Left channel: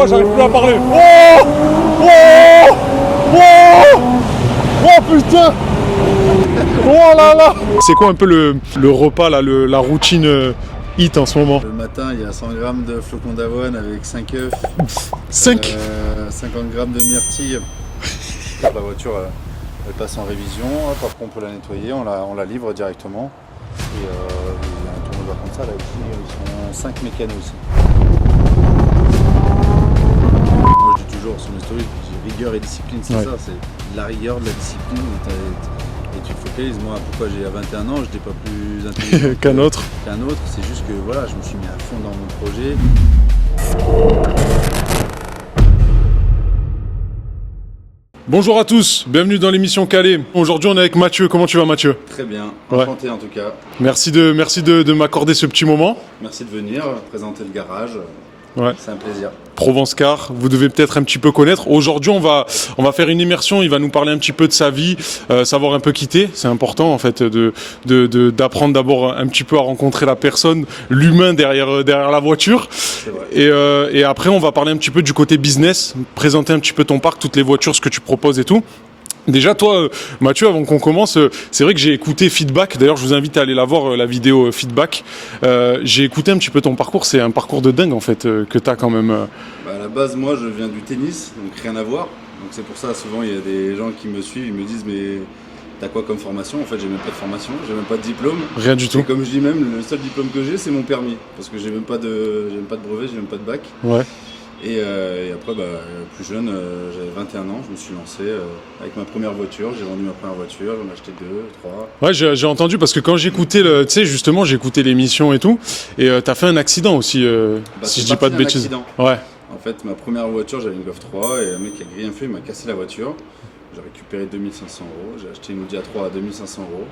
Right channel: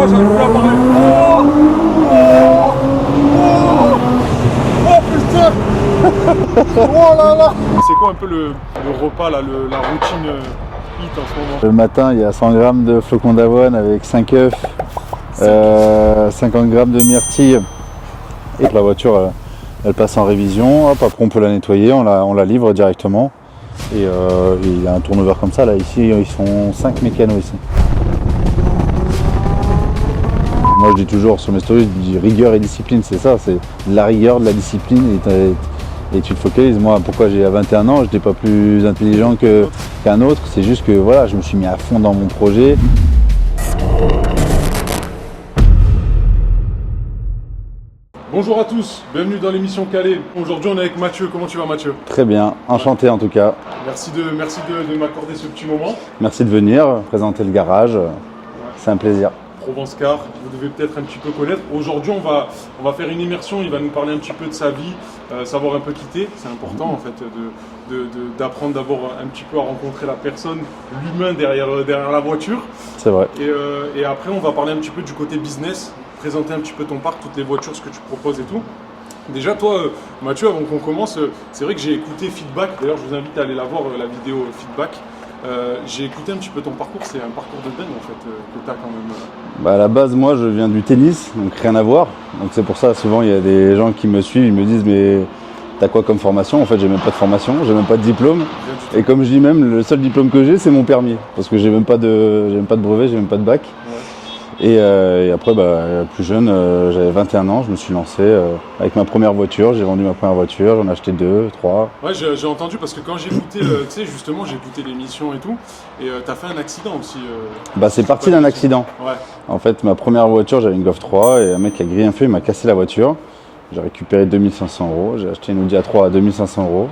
Oh, j'arrive plus à parler. Oh putain. Oh là là. C'est quoi un peu le repas là, la routine hit en ce moment? Le matin, il y a 100 grammes de flocons d'avoine avec 5 œufs, 50 grammes de myrtille. La voiture, elle passe en révision. Hop, après, on peut la nettoyer, on la livre directement. Et il y a un turnover comme ça. Là, ici, ils sont 5 mécanos ici. Moi, je dis toujours sur mes stories, je dis rigueur et discipline, c'est ça. C'est de la rigueur, de la discipline. Et tu te focalises. Moi, pourquoi j'ai à 21 ans, je n'étais pas plus intelligent qu'un autre. C'est juste que voilà, je me suis mis à fond dans mon projet. Bonjour à tous, bienvenue dans l'émission Calais. Aujourd'hui, on est avec Mathieu. Comment tu vas, Mathieu? Très bien, enchanté en tout cas. Merci de m'accorder ce petit moment. Merci de venir présenter le garage. Ouais. C'est un plaisir. Provence Car, vous devez peut-être un petit peu connaître. Aujourd'hui, on va faire une immersion. Il va nous parler un petit peu de sa vie, savoir un peu quitter. C'est important en fait d'apprendre d'abord un petit peu à rencontrer la personne, l'humain derrière la voiture. C'est vrai. Et après, on va parler un petit peu du côté business, présenter un petit peu ton parc, toutes les voitures, ce que tu proposes et tout. Déjà, toi, Mathieu, avant qu'on commence, c'est vrai que j'ai écouté Feedback. D'ailleurs, je vous invite à aller la voir, la vidéo Feedback. J'ai écouté un petit peu ton parcours. C'est un parcours de dingue, en fait, que tu as quand même. À la base, moi, je viens du tennis, donc rien à voir. Donc c'est pour ça, souvent, il y a des gens qui me suivent, ils me disent, mais t'as quoi comme formation? En fait, j'ai même pas de formation, j'ai même pas de diplôme. Rien du tout. Et comme je dis même, le seul diplôme que j'ai, c'est mon permis. Parce que j'ai même pas de brevet, j'ai même pas de bac. Ouais. Et après, plus jeune, j'avais 21 ans, je me suis lancé avec ma première voiture. J'ai vendu ma première voiture, j'en ai acheté 2, 3. Ouais, j'ai entendu parce que quand j'écoutais, tu sais, justement, j'écoutais l'émission et tout, et t'as fait un accident aussi. C'est parti d'un accident. Ouais. En fait, ma première voiture, j'avais une Golf 3 et un mec qui a grillé un feu, il m'a cassé la voiture. J'ai récupéré 2500 €. J'ai acheté une Audi A3 à 2500 €.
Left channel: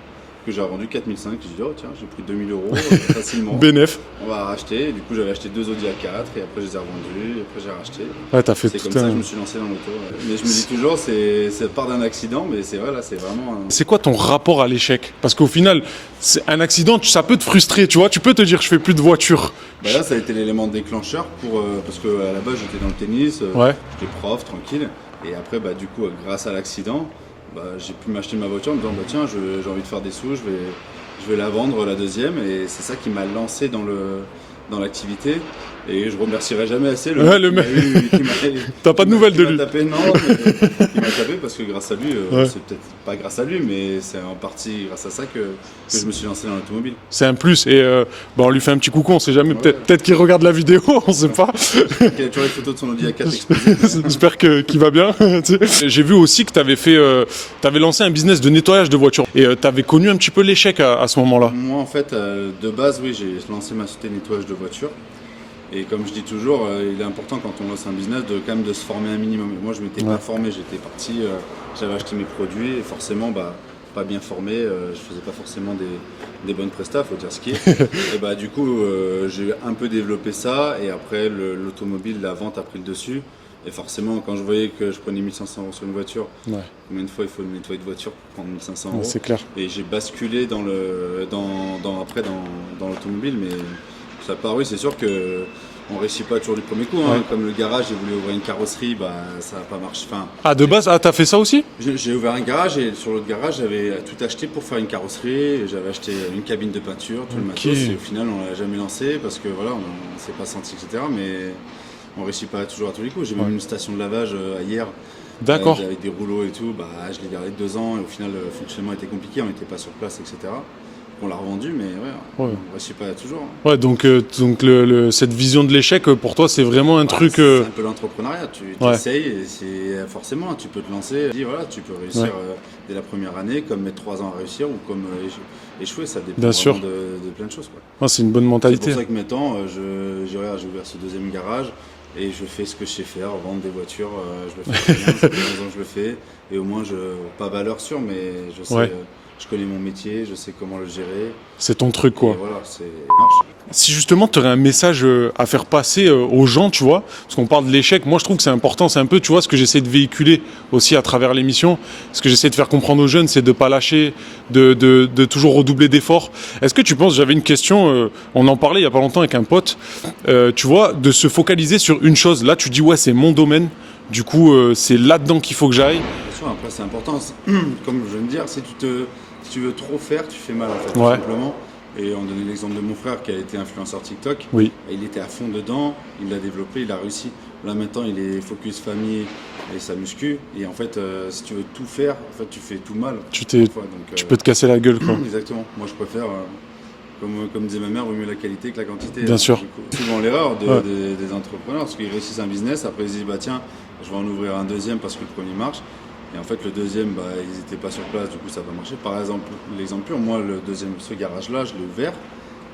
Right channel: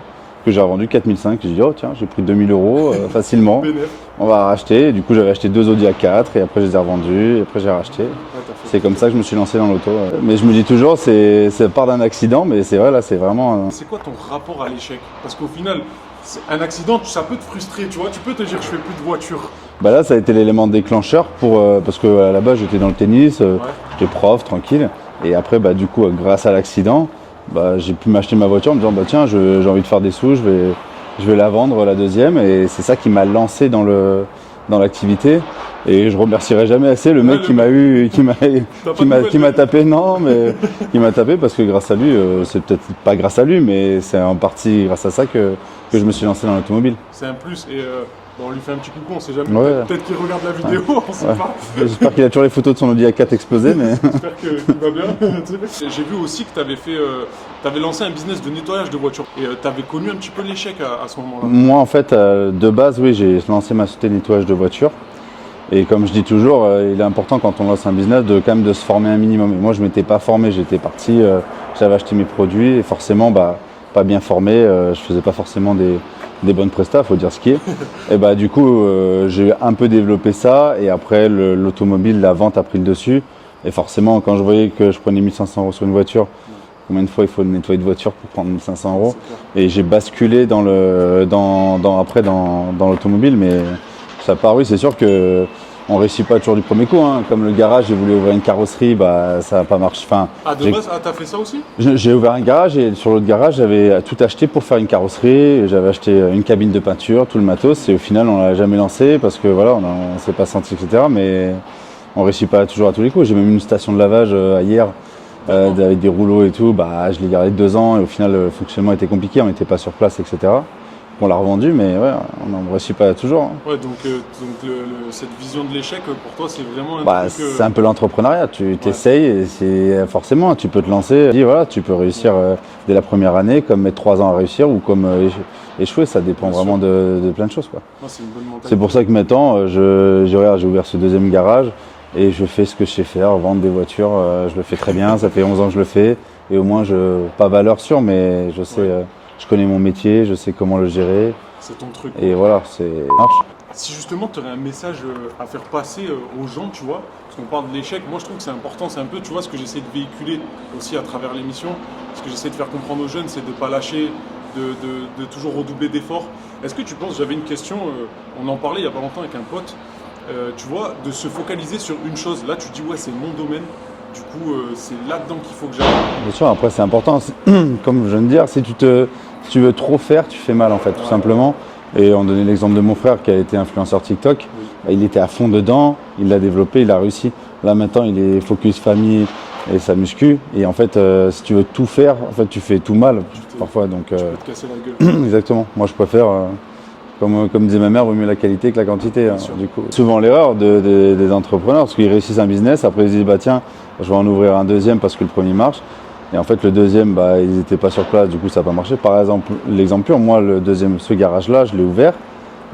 Que j'ai revendu 4005. J'ai dit, oh tiens, j'ai pris 2000 € facilement. Bénéf. On va racheter. Et du coup, j'avais acheté 2 Audi A4 et après, je les ai revendus. Et après, j'ai racheté. Ouais, t'as fait c'est comme ça que je me suis lancé dans l'auto. Mais je me dis toujours, ça part d'un accident, mais c'est vrai, là, c'est vraiment. C'est quoi ton rapport à l'échec? Parce qu'au final, c'est un accident, ça peut te frustrer, tu vois. Tu peux te dire, je fais plus de voiture. Là, ça a été l'élément déclencheur parce qu'à la base, j'étais dans le tennis, j'étais prof, tranquille. Et après, du coup, grâce à l'accident, j'ai pu m'acheter ma voiture en me disant tiens, j'ai envie de faire des sous, je vais la vendre la deuxième, et c'est ça qui m'a lancé dans l'activité. Et je remercierai jamais assez le mec qui m'a tapé, non, mais qui m'a tapé parce que grâce à lui, c'est peut-être pas grâce à lui, mais c'est en partie grâce à ça que je me suis lancé dans l'automobile. C'est un plus, et on lui fait un petit coucou, on sait jamais, peut-être qu'il regarde la vidéo, on sait pas. J'espère qu'il a toujours les photos de son Audi A4 explosées. Mais... J'espère qu'il va bien. J'ai vu aussi que t'avais lancé un business de nettoyage de voitures, et t'avais connu un petit peu l'échec à ce moment-là. Moi, en fait, de base, oui, j'ai lancé ma société de nettoyage de voitures. Et comme je dis toujours, il est important quand on lance un business de quand même de se former un minimum. Et moi, je ne m'étais pas formé, j'étais parti, j'avais acheté mes produits et forcément, pas bien formé, je faisais pas forcément des bonnes prestats, faut dire ce qui est. Et du coup, j'ai un peu développé ça et après l'automobile, la vente a pris le dessus. Et forcément, quand je voyais que je prenais 1500 € sur une voiture, combien de fois il faut nettoyer de voiture pour prendre 1500 €? C'est clair. Et j'ai basculé dans l'automobile, mais ça part, oui, c'est sûr que on réussit pas toujours du premier coup. Comme le garage, j'ai voulu ouvrir une carrosserie, ça n'a pas marché. De base, t'as fait ça aussi? J'ai ouvert un garage et sur l'autre garage, j'avais tout acheté pour faire une carrosserie. J'avais acheté une cabine de peinture, tout le matos. Et au final, on l'a jamais lancé parce que voilà, on s'est pas senti, etc. Mais on réussit pas toujours à tous les coups. J'ai même une station de lavage hier. Avec des rouleaux et tout. Je l'ai gardé 2 ans et au final, le fonctionnement était compliqué. On n'était pas sur place, etc. On l'a revendu, mais on ne réussit pas toujours. Ouais, donc cette vision de l'échec, pour toi, c'est vraiment un truc... C'est un peu l'entrepreneuriat. Tu t'essayes et c'est forcément, tu peux te lancer. Tu peux réussir dès la première année, comme mettre 3 ans à réussir ou comme échouer. Ça dépend vraiment de plein de choses. C'est une bonne mentalité. C'est pour ça que maintenant, j'ai ouvert ce deuxième garage et je fais ce que je sais faire, vendre des voitures. Je le fais très bien, ça fait 11 ans que je le fais. Et au moins, pas valeur sûre, mais je sais... Je connais mon métier, je sais comment le gérer. C'est ton truc, quoi. Et voilà, si justement tu aurais un message à faire passer aux gens, tu vois, parce qu'on parle de l'échec, moi je trouve que c'est important, c'est un peu, tu vois, ce que j'essaie de véhiculer aussi à travers l'émission, ce que j'essaie de faire comprendre aux jeunes, c'est de pas lâcher, de toujours redoubler d'efforts. Est-ce que tu penses, j'avais une question, on en parlait il y a pas longtemps avec un pote, tu vois, de se focaliser sur une chose, là tu dis ouais c'est mon domaine, du coup c'est là-dedans qu'il faut que j'aille. Bien sûr, après c'est important, comme je viens de dire, si tu veux trop faire, tu fais mal en fait, tout simplement. Et on donnait l'exemple de mon frère qui a été influenceur TikTok. Oui. Il était à fond dedans, il l'a développé, il a réussi. Là maintenant, il est focus famille et sa muscu. Et en fait, si tu veux tout faire, en fait, tu fais tout mal parfois. Donc, tu peux te casser la gueule, quoi. Exactement. Moi, je préfère, comme disait ma mère, vaut mieux la qualité que la quantité. Bien sûr. Du coup. Souvent l'erreur des entrepreneurs, parce qu'ils réussissent un business, après ils se disent, bah tiens, je vais en ouvrir un deuxième parce que le premier marche. Et en fait, le deuxième, bah, ils n'étaient pas sur place, du coup, ça n'a pas marché. Par exemple, l'exemple pur, moi, le deuxième, ce garage-là, je l'ai ouvert,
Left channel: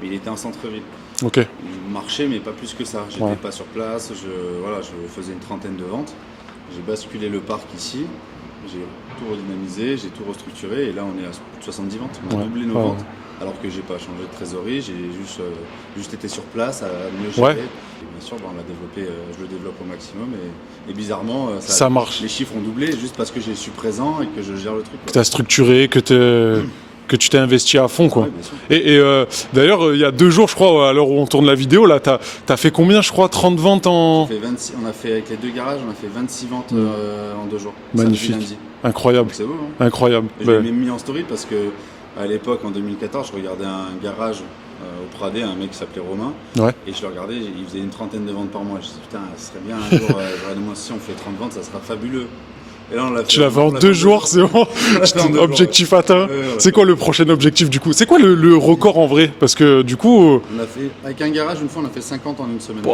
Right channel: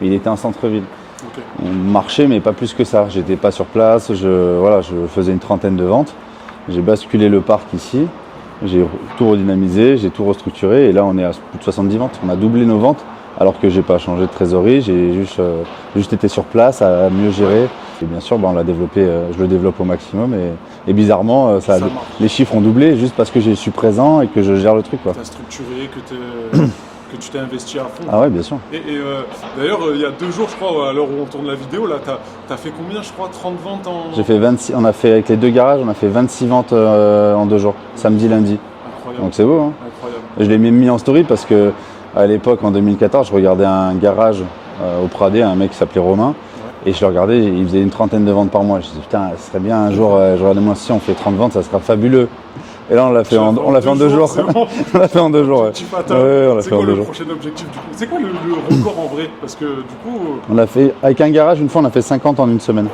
mais il était en centre-ville. Ok. On marchait, mais pas plus que ça. J'étais pas sur place, je faisais une trentaine de ventes. J'ai basculé le parc ici, j'ai tout redynamisé, j'ai tout restructuré, et là, on est à plus de 70 ventes. On a doublé nos ventes, alors que j'ai pas changé de trésorerie, j'ai juste été sur place à mieux gérer. Ouais. Et bien sûr, bah, on l'a développé, je le développe au maximum. Et bizarrement, ça marche. Les chiffres ont doublé juste parce que je suis présent et que je gère le truc. Tu as structuré, que tu t'es investi à fond. Quoi. Ah ouais, bien sûr. Et d'ailleurs, il y a 2 jours, je crois, à l'heure où on tourne la vidéo, là, t'as fait combien, je crois, 30 ventes en... J'ai fait 26, on a fait, avec les 2 garages, on a fait 26 ventes en 2 jours, magnifique. Samedi, lundi. Incroyable. Donc c'est beau, hein. Incroyable. Et je l'ai même mis en story parce que à l'époque, en 2014, je regardais un garage au Pradé, un mec qui s'appelait Romain, et je le regardais, il faisait une trentaine de ventes par mois. Je me suis dit, putain, ce serait bien un jour, j'aurais demandé, si on fait 30 ventes, ça sera fabuleux. Et là, on l'a fait en 2 jours, c'est bon. Objectif atteint. C'est quoi le prochain objectif du coup? C'est quoi le record en vrai? Parce que du coup... On a fait, avec un garage, une fois, on a fait 50 en une semaine.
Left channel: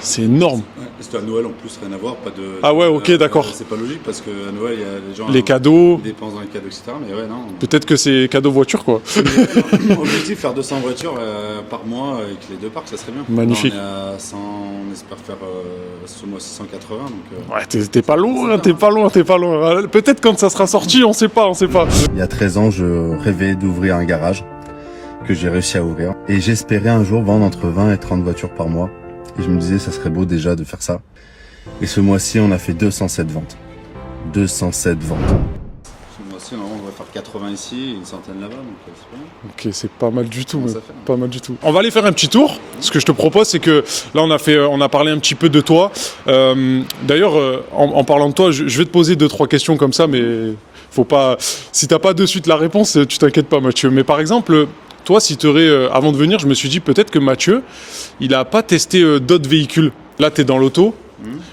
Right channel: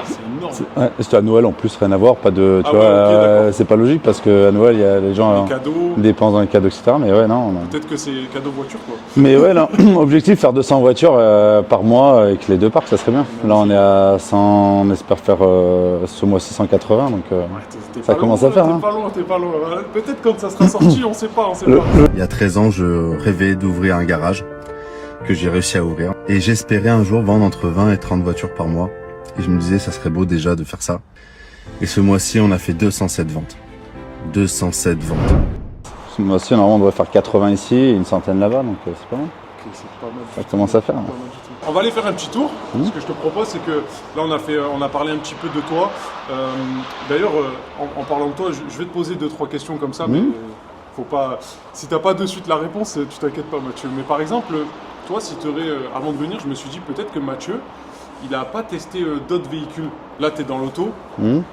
C'est énorme. Ouais, c'était à Noël en plus, rien à voir. Pas de, ah ouais, ok, d'accord. C'est pas logique parce qu'à Noël, il y a les gens. Les cadeaux. Dépensent dans les cadeaux, etc. Mais ouais, non. Peut-être que c'est cadeau voiture, quoi. Mais ouais, là, objectif, faire 200 voitures par mois avec les 2 parcs, ça serait bien. Magnifique. Là, on est à 100, on espère faire ce mois-ci 180. Donc, ouais, t'es pas loin, t'es pas loin. Peut-être quand ça sera sorti, on sait pas. Il y a 13 ans, je rêvais d'ouvrir un garage que j'ai réussi à ouvrir. Et j'espérais un jour vendre entre 20 et 30 voitures par mois. Et je me disais, ça serait beau déjà de faire ça. Et ce mois-ci, on a fait 207 ventes. 207 ventes. Ce mois-ci, normalement, on devrait faire 80 ici et une centaine là-bas, donc c'est pas mal. Ok, c'est pas mal du tout. Commence à faire. Pas mal du tout. On va aller faire un petit tour. Ce que je te propose, c'est que là, on a parlé un petit peu de toi. D'ailleurs, en parlant de toi, je vais te poser 2-3 questions comme ça, mais faut pas. Si t'as pas de suite la réponse, tu t'inquiètes pas, Mathieu. Mais par exemple, toi, si tu aurais, avant de venir, je me suis dit peut-être que Mathieu, il n'a pas testé d'autres véhicules. Là, tu es dans l'auto.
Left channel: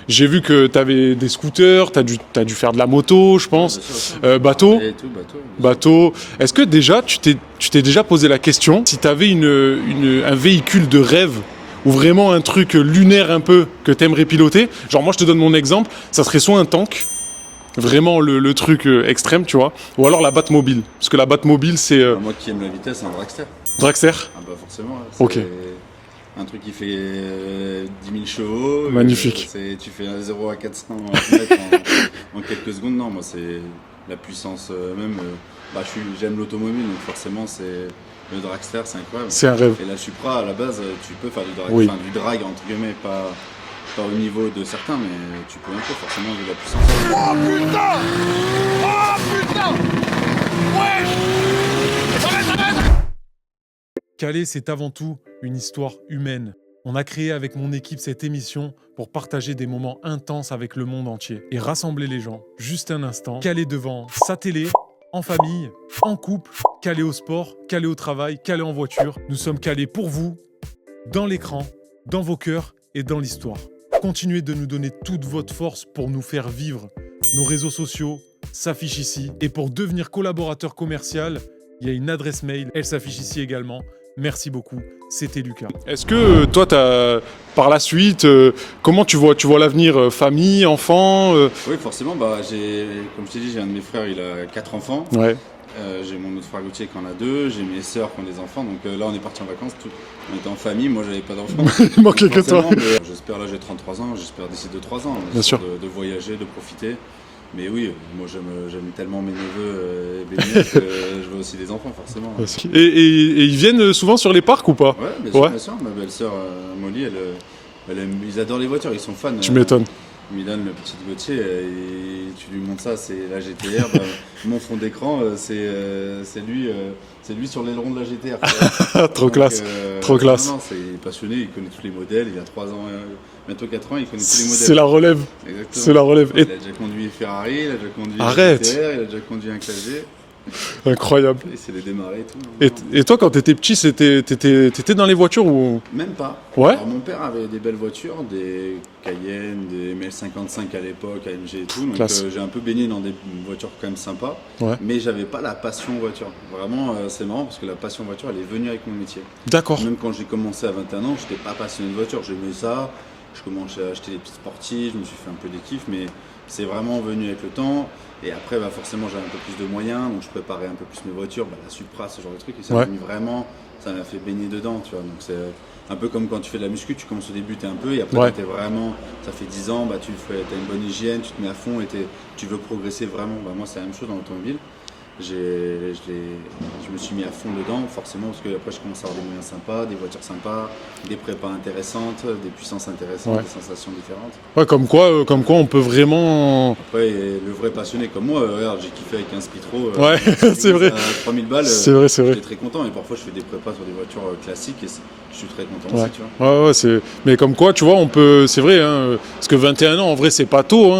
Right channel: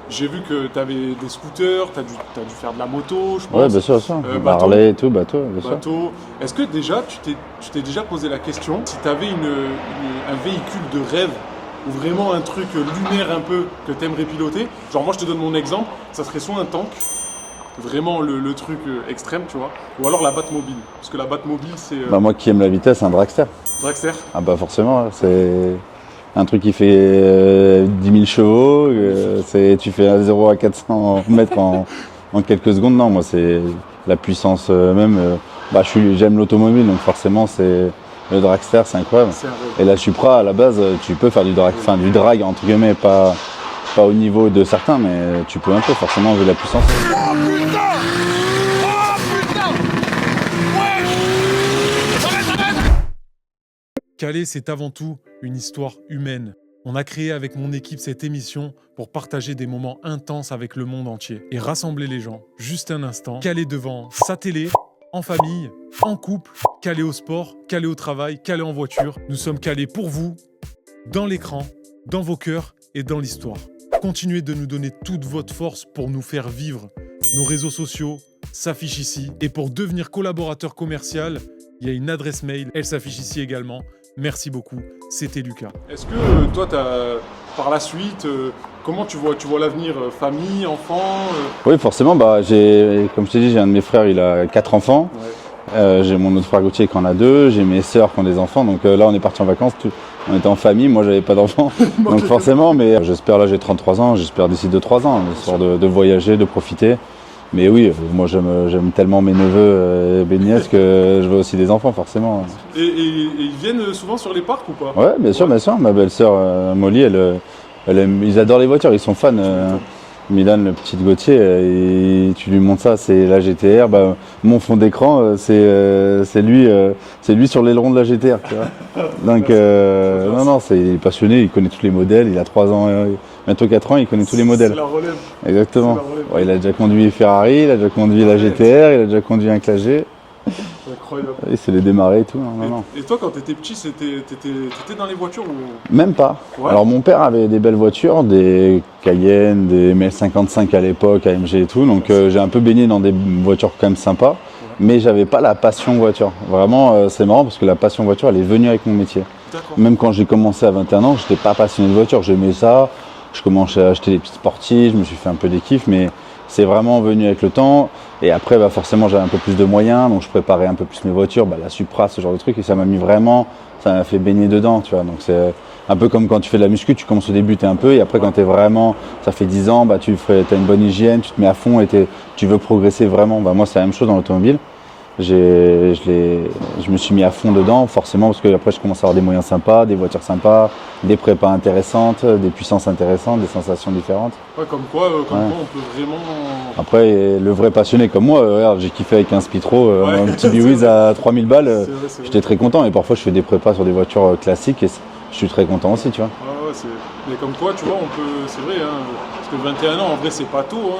J'ai vu que tu avais des scooters, tu as dû faire de la moto, je pense. Ouais, bien sûr, bateau. Harley, tout, bateau. Est-ce que déjà, tu t'es déjà posé la question, si tu avais un véhicule de rêve, ou vraiment un truc lunaire un peu, que tu aimerais piloter? Genre, moi, je te donne mon exemple, ça serait soit un tank, vraiment le truc extrême, tu vois, ou alors la Batmobile. Parce que la Batmobile, c'est... moi qui aime la vitesse, un dragster. Dragster? Ah bah forcément, c'est un truc qui fait 10 000 chevaux. Magnifique. Tu fais un 0 à 400 mètres en quelques secondes. Non, moi c'est la puissance même. J'aime l'automobile, donc forcément c'est le dragster, c'est incroyable. C'est un rêve. Et la Supra, à la base, tu peux faire du drag, enfin du drag entre guillemets, pas au niveau de certains, mais tu peux un peu forcément vu la puissance. Oh putain! Oh putain! Ouais! Calais, c'est avant tout une histoire humaine. On a créé avec mon équipe cette émission pour partager des moments intenses avec le monde entier et rassembler les gens. Juste un instant, Calais devant sa télé, en famille, en couple, Calais au sport, Calais au travail, Calais en voiture. Nous sommes calés pour vous, dans l'écran, dans vos cœurs et dans l'histoire. Continuez de nous donner toute votre force pour nous faire vivre. Nos réseaux sociaux s'affichent ici. Et pour devenir collaborateur commercial, il y a une adresse mail, elle s'affiche ici également. Merci beaucoup, c'était Lucas. Est-ce que toi, par la suite, comment tu vois l'avenir, famille, enfant Oui, forcément, comme je t'ai dit, j'ai un de mes frères, il a 4 enfants. Ouais. J'ai mon autre frère Gauthier qui en a 2, j'ai mes sœurs qui ont des enfants, donc là on est parti en vacances, on était en famille, moi j'avais pas d'enfants, donc forcément, mais j'espère, là j'ai 33 ans, j'espère d'ici 2-3 ans, de voyager, de profiter. Mais oui, moi j'aime tellement mes neveux et mes nièces que je veux aussi des enfants forcément. Et ils viennent souvent sur les parcs ou pas? Ouais, bien sûr, bien sûr. Ma belle-sœur Molly, ils adorent les voitures, ils sont fans. Tu m'étonnes. Milan, le petit Gauthier, tu lui montres ça, c'est la GTR. Bah, mon fond d'écran, c'est lui sur l'aileron de la GTR. Trop classe. Trop classe. Non, il est passionné, il connaît tous les modèles. Il a 3 ans, bientôt 4 ans, il connaît tous les modèles. C'est la relève. Exactement. C'est la relève. Ouais, il a déjà conduit Ferrari, il a déjà conduit la GTR, il a déjà conduit un Clagé. Incroyable. Il s'est les démarrer et tout. Et toi, quand t'étais petit, t'étais dans les voitures ou... Même pas. Ouais. Alors mon père avait des belles voitures, des Cayenne, des ML55 à l'époque, AMG et tout. Donc j'ai un peu baigné dans des voitures quand même sympas. Ouais. Mais j'avais pas la passion voiture. Vraiment, c'est marrant parce que la passion voiture, elle est venue avec mon métier. D'accord. Même quand j'ai commencé à 21 ans, j'étais pas passionné de voiture. J'aimais ça. Je commençais à acheter des petites sportives, je me suis fait un peu des kiffs, mais c'est vraiment venu avec le temps. Et après, forcément, j'avais un peu plus de moyens, donc je préparais un peu plus mes voitures, la Supra, ce genre de trucs, et ça m'a mis vraiment, ça m'a fait baigner dedans, tu vois. Donc c'est un peu comme quand tu fais de la muscu, tu commences au début, t'es un peu, et après quand t'es vraiment, ça fait 10 ans, t'as une bonne hygiène, tu te mets à fond et tu veux progresser vraiment. Moi, c'est la même chose dans l'automobile. Je me suis mis à fond dedans, forcément, parce que après je commence à avoir des moyens sympas, des voitures sympas, des prépas intéressantes, des puissances intéressantes, des sensations différentes. Ouais, comme quoi on peut vraiment... Après, le vrai passionné comme moi, regarde, j'ai kiffé avec un Spitro, un petit B-Wiz à 3000 balles, j'étais très content. Et parfois je fais des prépas sur des voitures classiques et je suis très content aussi, tu vois. Ouais, mais comme quoi, tu vois, on peut, c'est vrai, hein, parce que 21 ans, en vrai, c'est pas tôt.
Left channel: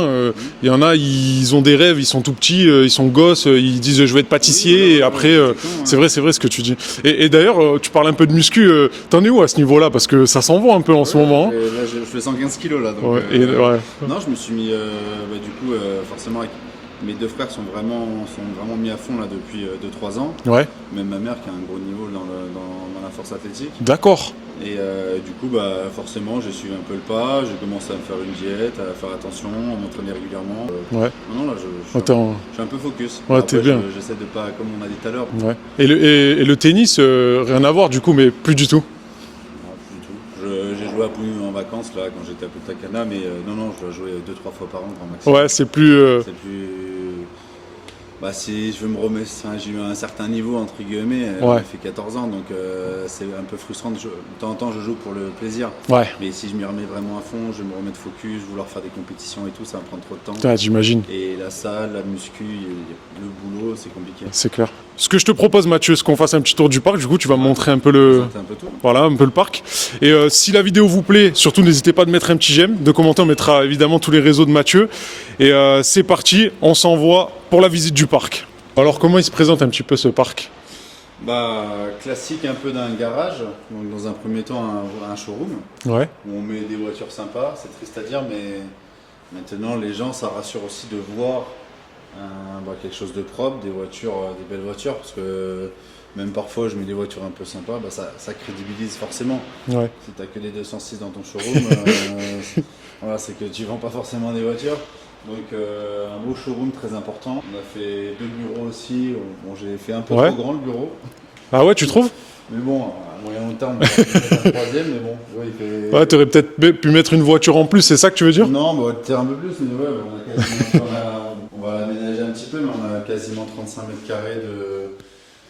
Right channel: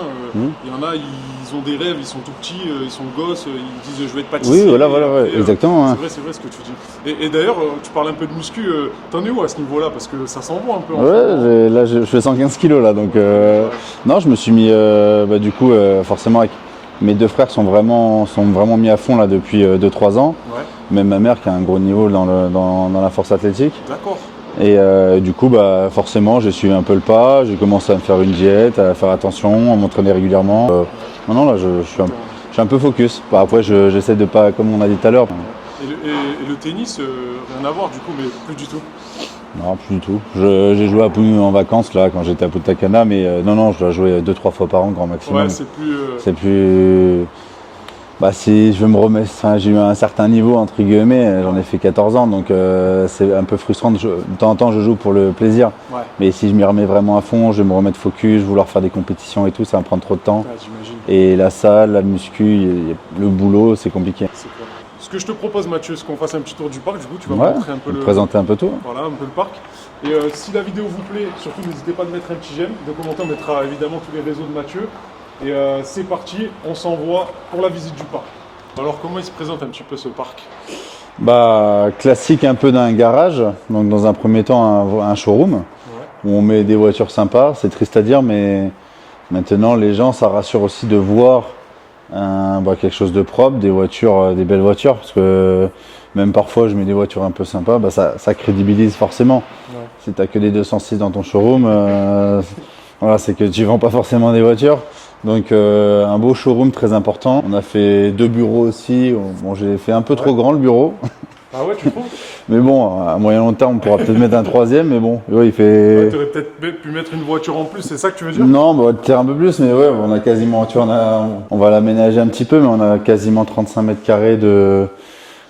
Il y en a, ils ont des rêves, ils sont tout petits, ils sont gosses, ils disent je vais être pâtissier, et après, c'est vrai ce que tu dis. Et d'ailleurs, tu parles un peu de muscu, t'en es où à ce niveau-là? Parce que ça s'envoie un peu en ce moment. Là, je fais 115 kilos, là, donc... Non, je me suis mis, du coup, forcément, avec... Mes deux frères sont vraiment mis à fond là depuis 2-3 ans. Ouais. Même ma mère qui a un gros niveau dans la force athlétique. D'accord. Et du coup, forcément, j'ai suivi un peu le pas. J'ai commencé à me faire une diète, à faire attention, à m'entraîner régulièrement. Non, là, je suis un peu focus. Après, j'essaie de pas, comme on a dit tout à l'heure. Ouais. Et le tennis, rien à voir du coup, mais plus du tout. Non, plus du tout. J'ai joué à Pune en vacances là quand j'étais à Punta Cana, mais non, je dois jouer 2-3 fois par an grand maximum. Ouais, c'est plus. Si je veux me remettre, j'ai eu un certain niveau entre guillemets, j'en ai fait 14 ans, donc c'est un peu frustrant. De temps en temps, je joue pour le plaisir. Ouais. Mais si je m'y remets vraiment à fond, je vais me remettre focus, vouloir faire des compétitions et tout, ça va me prendre trop de temps. Ouais, j'imagine. Et la salle, la muscu, le boulot, c'est compliqué. C'est clair. Ce que je te propose, Mathieu, c'est qu'on fasse un petit tour du parc. Du coup, tu vas montrer un peu présenter un peu tout. Voilà, un peu le parc. Et si la vidéo vous plaît, surtout n'hésitez pas de mettre un petit j'aime, de commenter. On mettra évidemment tous les réseaux de Mathieu. Et c'est parti, on s'envoie pour la visite du parc. Alors, comment il se présente un petit peu ce parc? Classique un peu d'un garage. Donc, dans un premier temps, un showroom où on met des voitures sympas. C'est triste à dire, mais maintenant, les gens, ça rassure aussi de voir quelque chose de propre, des belles voitures, parce que même parfois je mets des voitures un peu sympas, ça crédibilise forcément. Ouais. Si t'as que des 206 dans ton showroom, c'est que tu vends pas forcément des voitures. Donc un beau showroom très important. On a fait 2 bureaux aussi. Bon, j'ai fait un peu trop grand le bureau. Ah ouais, tu trouves? Mais bon, à moyen long terme, on pourra peut-être mettre un 3e, mais bon, il fait... Ouais, t'aurais peut-être pu mettre une voiture en plus, c'est ça que tu veux dire? Non, on va le faire un peu plus, mais on a quasiment... on va l'aménager un petit peu, mais on a quasiment 35 mètres carrés de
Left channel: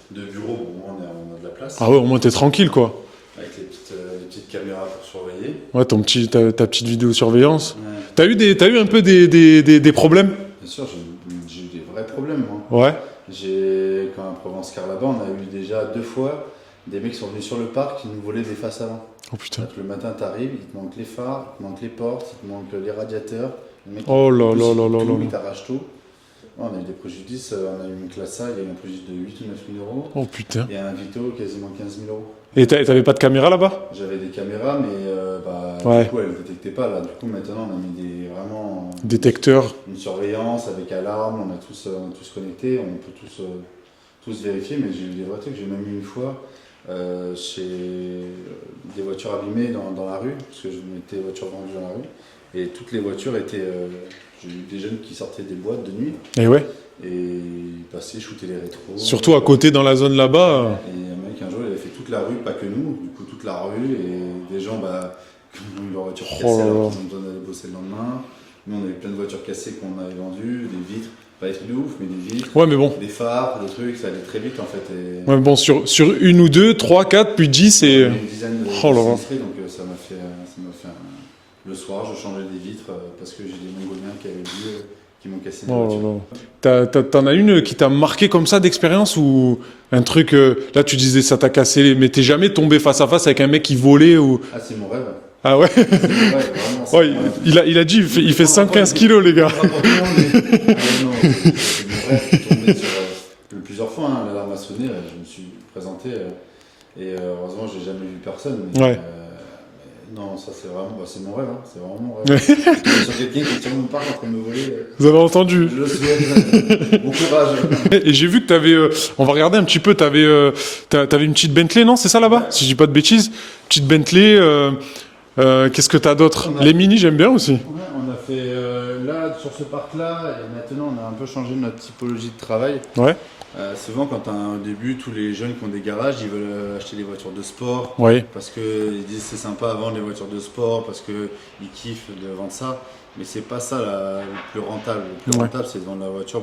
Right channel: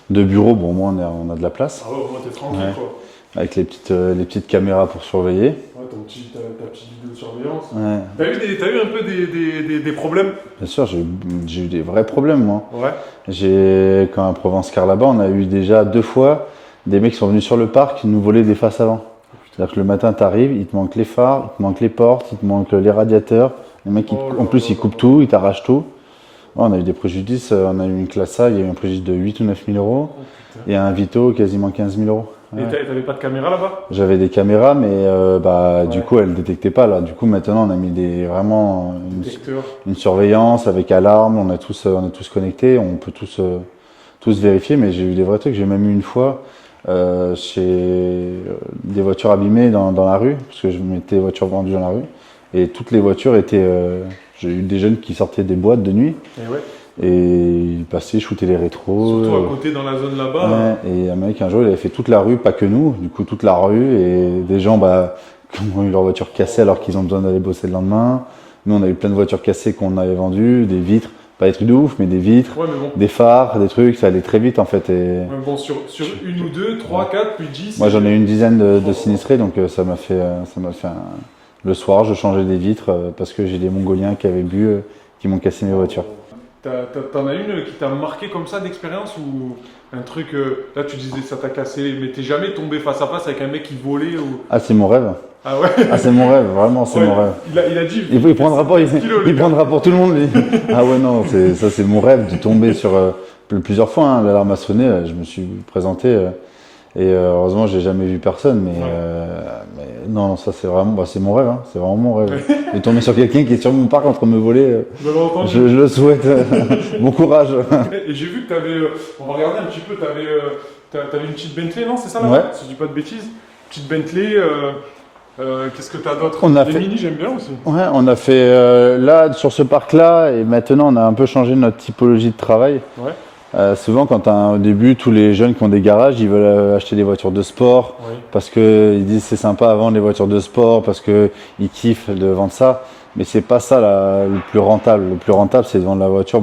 bureau. Bon, au moins, on a de la place. Ah ouais, au moins t'es tranquille, quoi. Avec les petites caméras pour surveiller. Ouais, ta petite vidéosurveillance. Ouais. T'as eu un peu des problèmes? Bien sûr, j'ai eu des vrais problèmes, moi. Ouais. Quand à Provence-Car là-bas, on a eu déjà 2 fois des mecs qui sont venus sur le parc qui nous volaient des faces avant. Oh putain. C'est-à-dire que le matin, t'arrives, il te manque les phares, il te manque les portes, il te manque les radiateurs. Les mecs, ils coupent tout, ils t'arrachent tout. Ouais, on a eu des préjudices. On a eu une classe A, il y a eu un préjudice de 8 ou 9 000 euros. Oh putain. Et un Vito, quasiment 15 000 euros. Et t'avais pas de caméra là-bas? J'avais des caméras, mais du coup, elles détectaient pas là. Du coup, maintenant, on a mis détecteurs, une surveillance avec alarme. On est tous connectés. On peut tous vérifier. Mais j'ai eu des vrais trucs. J'ai même eu une fois chez des voitures abîmées dans la rue, parce que je mettais des voitures vendues dans la rue, et toutes les voitures étaient. J'ai eu des jeunes qui sortaient des boîtes de nuit. Et ouais. Et ils passaient, shootaient les rétros. Surtout à côté dans la zone là-bas. Ouais. Et un mec un jour il avait fait toute la rue, pas que nous, du coup toute la rue, et des gens qui ont eu leur voiture cassée alors qu'ils ont besoin d'aller bosser le lendemain. Nous, on a eu plein de voitures cassées qu'on avait vendues, des vitres, pas des trucs de ouf, mais des vitres, Ouais, mais bon. des phares, des trucs, ça allait très vite en fait. Et Ouais, bon, sur une ou deux, 3, 4, puis 10. moi, et... j'en ai une dizaine de Oh là là. sinistrés, donc ça m'a fait le soir, je changeais des vitres parce que j'ai des Mongoliens qui avaient bu, qui m'ont cassé des voitures. T'en as une qui t'a marqué comme ça d'expérience ou un truc, là tu disais ça t'a cassé, mais t'es jamais tombé face à face avec un mec qui volait ou... Ah, c'est mon rêve. Ah ouais, Ah, c'est mon rêve, vraiment, c'est Ouais, mon rêve. il a dit, il fait prendra pas, 115 kilos les il gars. prendra pour tout le monde. Ah ouais, non, ça c'est mon rêve. J'ai tombé sur plusieurs fois. Hein, l'alarme a sonné, je me suis présenté et heureusement, j'ai jamais vu personne. Mais, Ouais. mais non, ça c'est vraiment, c'est mon rêve. Hein, c'est vraiment mon rêve. Je suis tombé sur quelqu'un qui est sur mon parc en train de me voler. Vous avez entendu? Je le souhaite. Bon courage. Et j'ai vu que t'avais, on va regarder un petit peu, t'avais une petite Bentley, non? C'est ça là-bas? Ouais. Si je dis pas de bêtises. Petite Bentley, qu'est-ce que t'as d'autre? On a Les fait- mini, j'aime bien aussi. Ouais, on a fait là sur ce parc-là et maintenant on a un peu changé notre typologie de travail. Ouais. Souvent, au début, tous les jeunes qui ont des garages, ils veulent acheter des voitures de sport Oui. parce qu'ils disent c'est sympa à vendre les voitures de sport parce qu'ils kiffent de vendre ça. Mais c'est pas ça le plus rentable. Le plus rentable, c'est de vendre la voiture,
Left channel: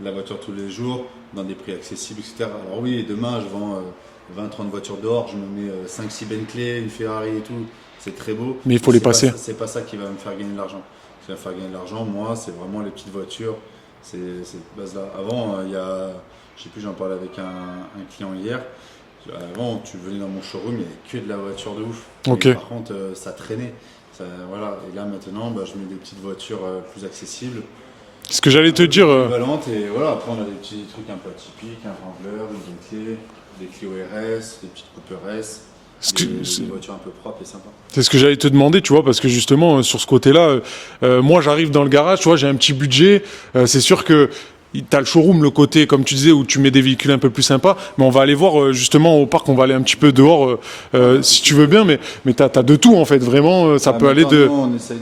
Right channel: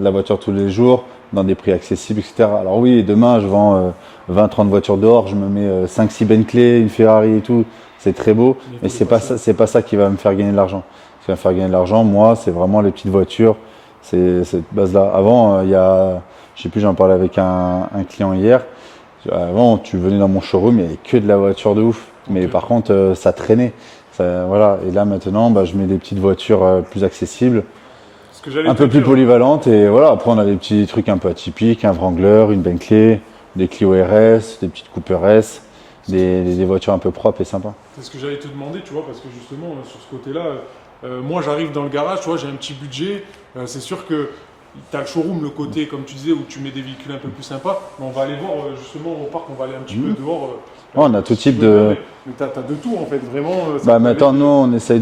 la voiture tous les jours, dans des prix accessibles, etc. Alors oui, demain, je vends 20-30 voitures dehors, je me mets 5-6 Bentley, une Ferrari et tout. C'est très beau. Mais il faut les c'est passer. C'est pas ça qui va me faire gagner de l'argent. Ce qui va me faire gagner de l'argent, moi, c'est vraiment les petites voitures. C'est cette base-là. Avant, je sais plus, j'en parlais avec un client hier. Avant, tu venais dans mon showroom, il n'y avait que de la voiture de ouf. Ok. Mais par contre, ça traînait. Voilà. Et là, maintenant, je mets des petites voitures plus accessibles, Ce que j'allais un te peu plus dire. polyvalentes. Et voilà, après, on a des petits trucs un peu atypiques, un Wrangler, une Bentley, des Clio RS, des petites Cooper S, Ce que- des voitures un peu propres et sympas. C'est ce que j'allais te demander, tu vois, parce que justement, sur ce côté-là, moi j'arrive dans le garage, tu vois, j'ai un petit budget, c'est sûr que t'as le showroom, le côté, comme tu disais, où tu mets des véhicules un peu plus sympas, mais on va aller voir justement au parc, on va aller un petit peu dehors, on a si tout tu type veux de- bien, mais t'as de tout en fait, vraiment, ça peut aller maintenant, de... nous, on essaye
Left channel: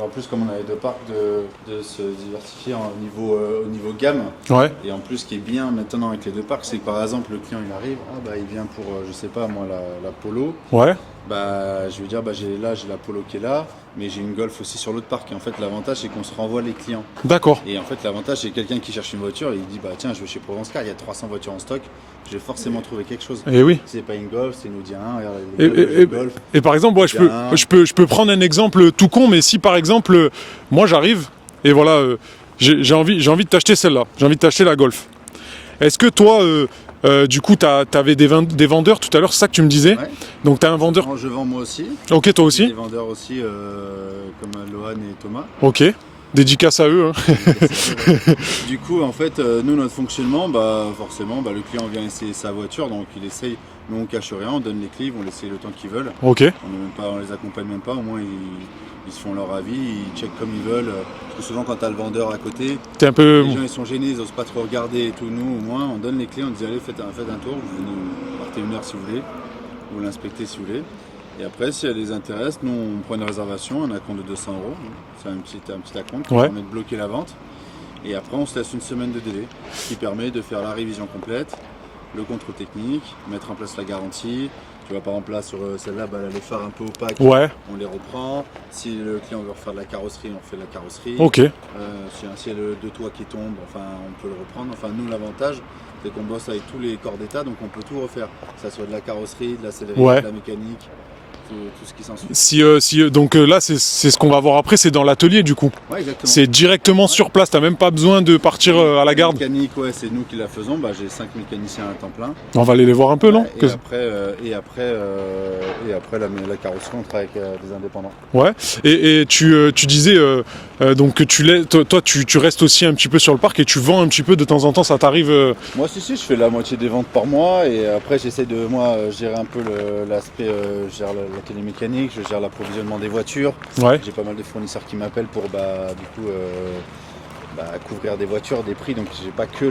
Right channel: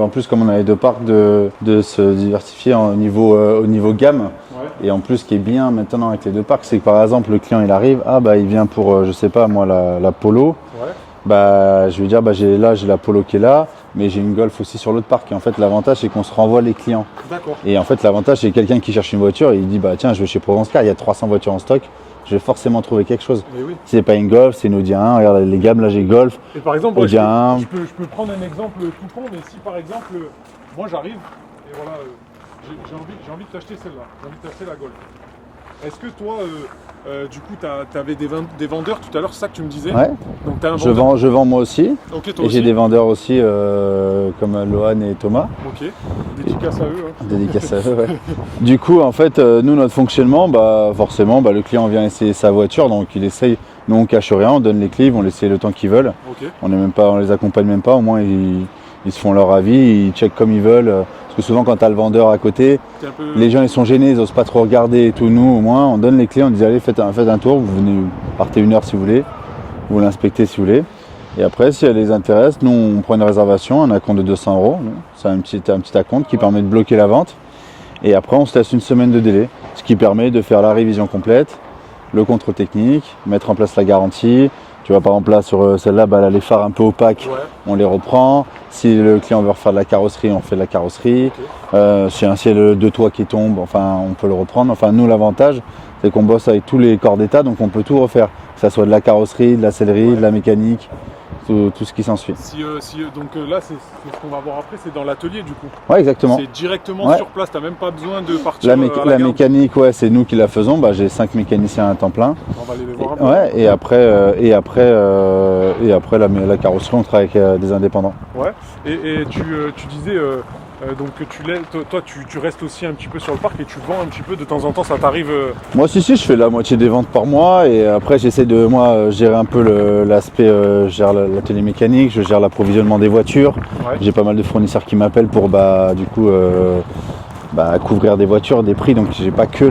en plus comme on a les deux parcs, de se diversifier au niveau gamme. Ouais, Et en plus, ce qui est bien maintenant avec les deux parcs, c'est que par exemple, le client il arrive, il vient pour, je sais pas moi, la Polo. ouais, Je lui dire, j'ai la Polo qui est là, mais j'ai une Golf aussi sur l'autre parc. Et en fait, l'avantage, c'est qu'on se renvoie les clients. d'accord. Et en fait, l'avantage, c'est quelqu'un qui cherche une voiture, il dit, tiens, je vais chez Provence Car, il y a 300 voitures en stock, je vais forcément trouver quelque chose. Et oui. Si c'est pas une Golf, c'est une Audi A1, regarde les gars, là j'ai le Golf. Et par exemple, moi, Eh bien- je peux prendre un exemple tout con, mais si par exemple, moi j'arrive, et voilà, j'ai envie de t'acheter celle-là, j'ai envie de t'acheter la Golf. Est-ce que toi, du coup, t'avais des vendeurs tout à l'heure, c'est ça que tu me disais? Ouais. Donc t'as un vendeur. Je vends moi aussi. Ok, toi Et J'ai aussi. des vendeurs aussi comme Lohan et Thomas. Ok. Dédicace à eux. Hein. Ouais. Du coup, en fait, nous, notre fonctionnement, forcément, le client vient essayer sa voiture, donc il essaye. Nous, on cache rien, on donne les clés, ils vont laisser le temps qu'ils veulent. Ok. On les accompagne même pas, au moins ils se font leur avis, ils checkent comme ils veulent. Parce que souvent, quand tu as le vendeur à côté, T'es un peu. les gens ils sont gênés, ils osent pas trop regarder et tout. Nous, au moins, on donne les clés, on dit allez, faites un tour, vous venez, partez 1 heure si vous voulez, vous l'inspectez si vous voulez. Et après, si elle les intéresse, nous, on prend une réservation, un acompte de 200 €. C'est un petit acompte qui Ouais. permet de bloquer la vente. Et après, on se laisse une semaine de délai, ce qui permet de faire la révision complète, le contrôle technique, mettre en place la garantie. Tu vois, par exemple, là, sur celle-là, elle a les phares un peu opaques, Ouais. on les reprend. Si le client veut refaire de la carrosserie, on fait de la carrosserie. Ok. Si un ciel de toit qui tombe, on peut le reprendre. Enfin, nous, l'avantage, c'est qu'on bosse avec tous les corps d'état, donc on peut tout refaire. Que ça soit de la carrosserie, de la sellerie, Ouais. de la mécanique, tout ce qui s'ensuit. Donc là, c'est ce qu'on va voir après, c'est dans l'atelier du coup. Ouais, exactement. C'est directement Ouais. sur place, t'as même pas besoin de partir à la garde. mécanique, c'est nous qui la faisons. J'ai 5 mécaniciens à temps plein. On va aller les voir un peu, Ouais, non? et après la carrosserie, on travaille avec des indépendants. Ouais. Et tu disais donc que toi tu restes aussi un petit peu sur le parc et tu vends un petit peu de temps en temps, ça t'arrive. Moi, si, je fais la moitié des ventes par mois et après, j'essaie de gérer un peu l'aspect, je gère l'atelier mécanique, je gère l'approvisionnement des voitures. Ouais. J'ai pas mal de fournisseurs qui m'appellent pour couvrir des voitures, des prix, donc j'ai pas que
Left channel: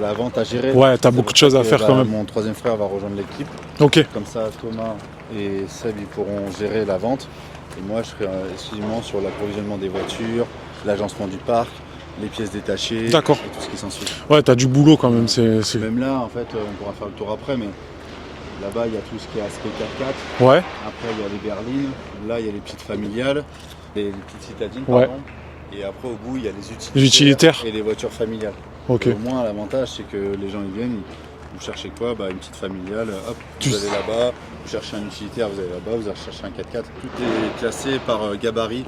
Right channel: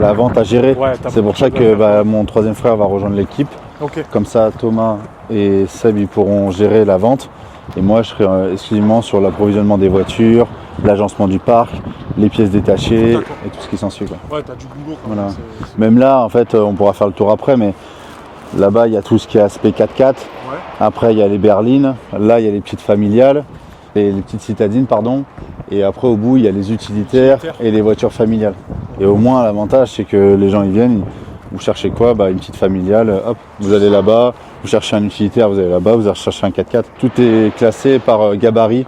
la vente à gérer. Ouais, t'as C'est beaucoup pour de ça choses à que faire quand même. mon troisième frère va rejoindre l'équipe. Ok. Comme ça, Thomas et Seb ils pourront gérer la vente. Et moi, je serai exclusivement sur l'approvisionnement des voitures, l'agencement du parc, les pièces détachées et D'accord. tout ce qui s'ensuit, quoi. Ouais, t'as du boulot quand même. Voilà. c'est- Même là, en fait, on pourra faire le tour après, mais là-bas, il y a tout ce qui est aspect 4x4. Ouais. Après, il y a les berlines. Là, il y a les petites familiales. Et les petites citadines, pardon. Et après, au bout, il y a les utilitaires et les voitures familiales. Okay. Et au moins, l'avantage, c'est que les gens, ils viennent, vous cherchez quoi? Bah, une petite familiale, hop, vous allez là-bas. Vous cherchez un utilitaire, vous allez là-bas. Vous allez chercher un 4x4. Tout est classé par gabarit.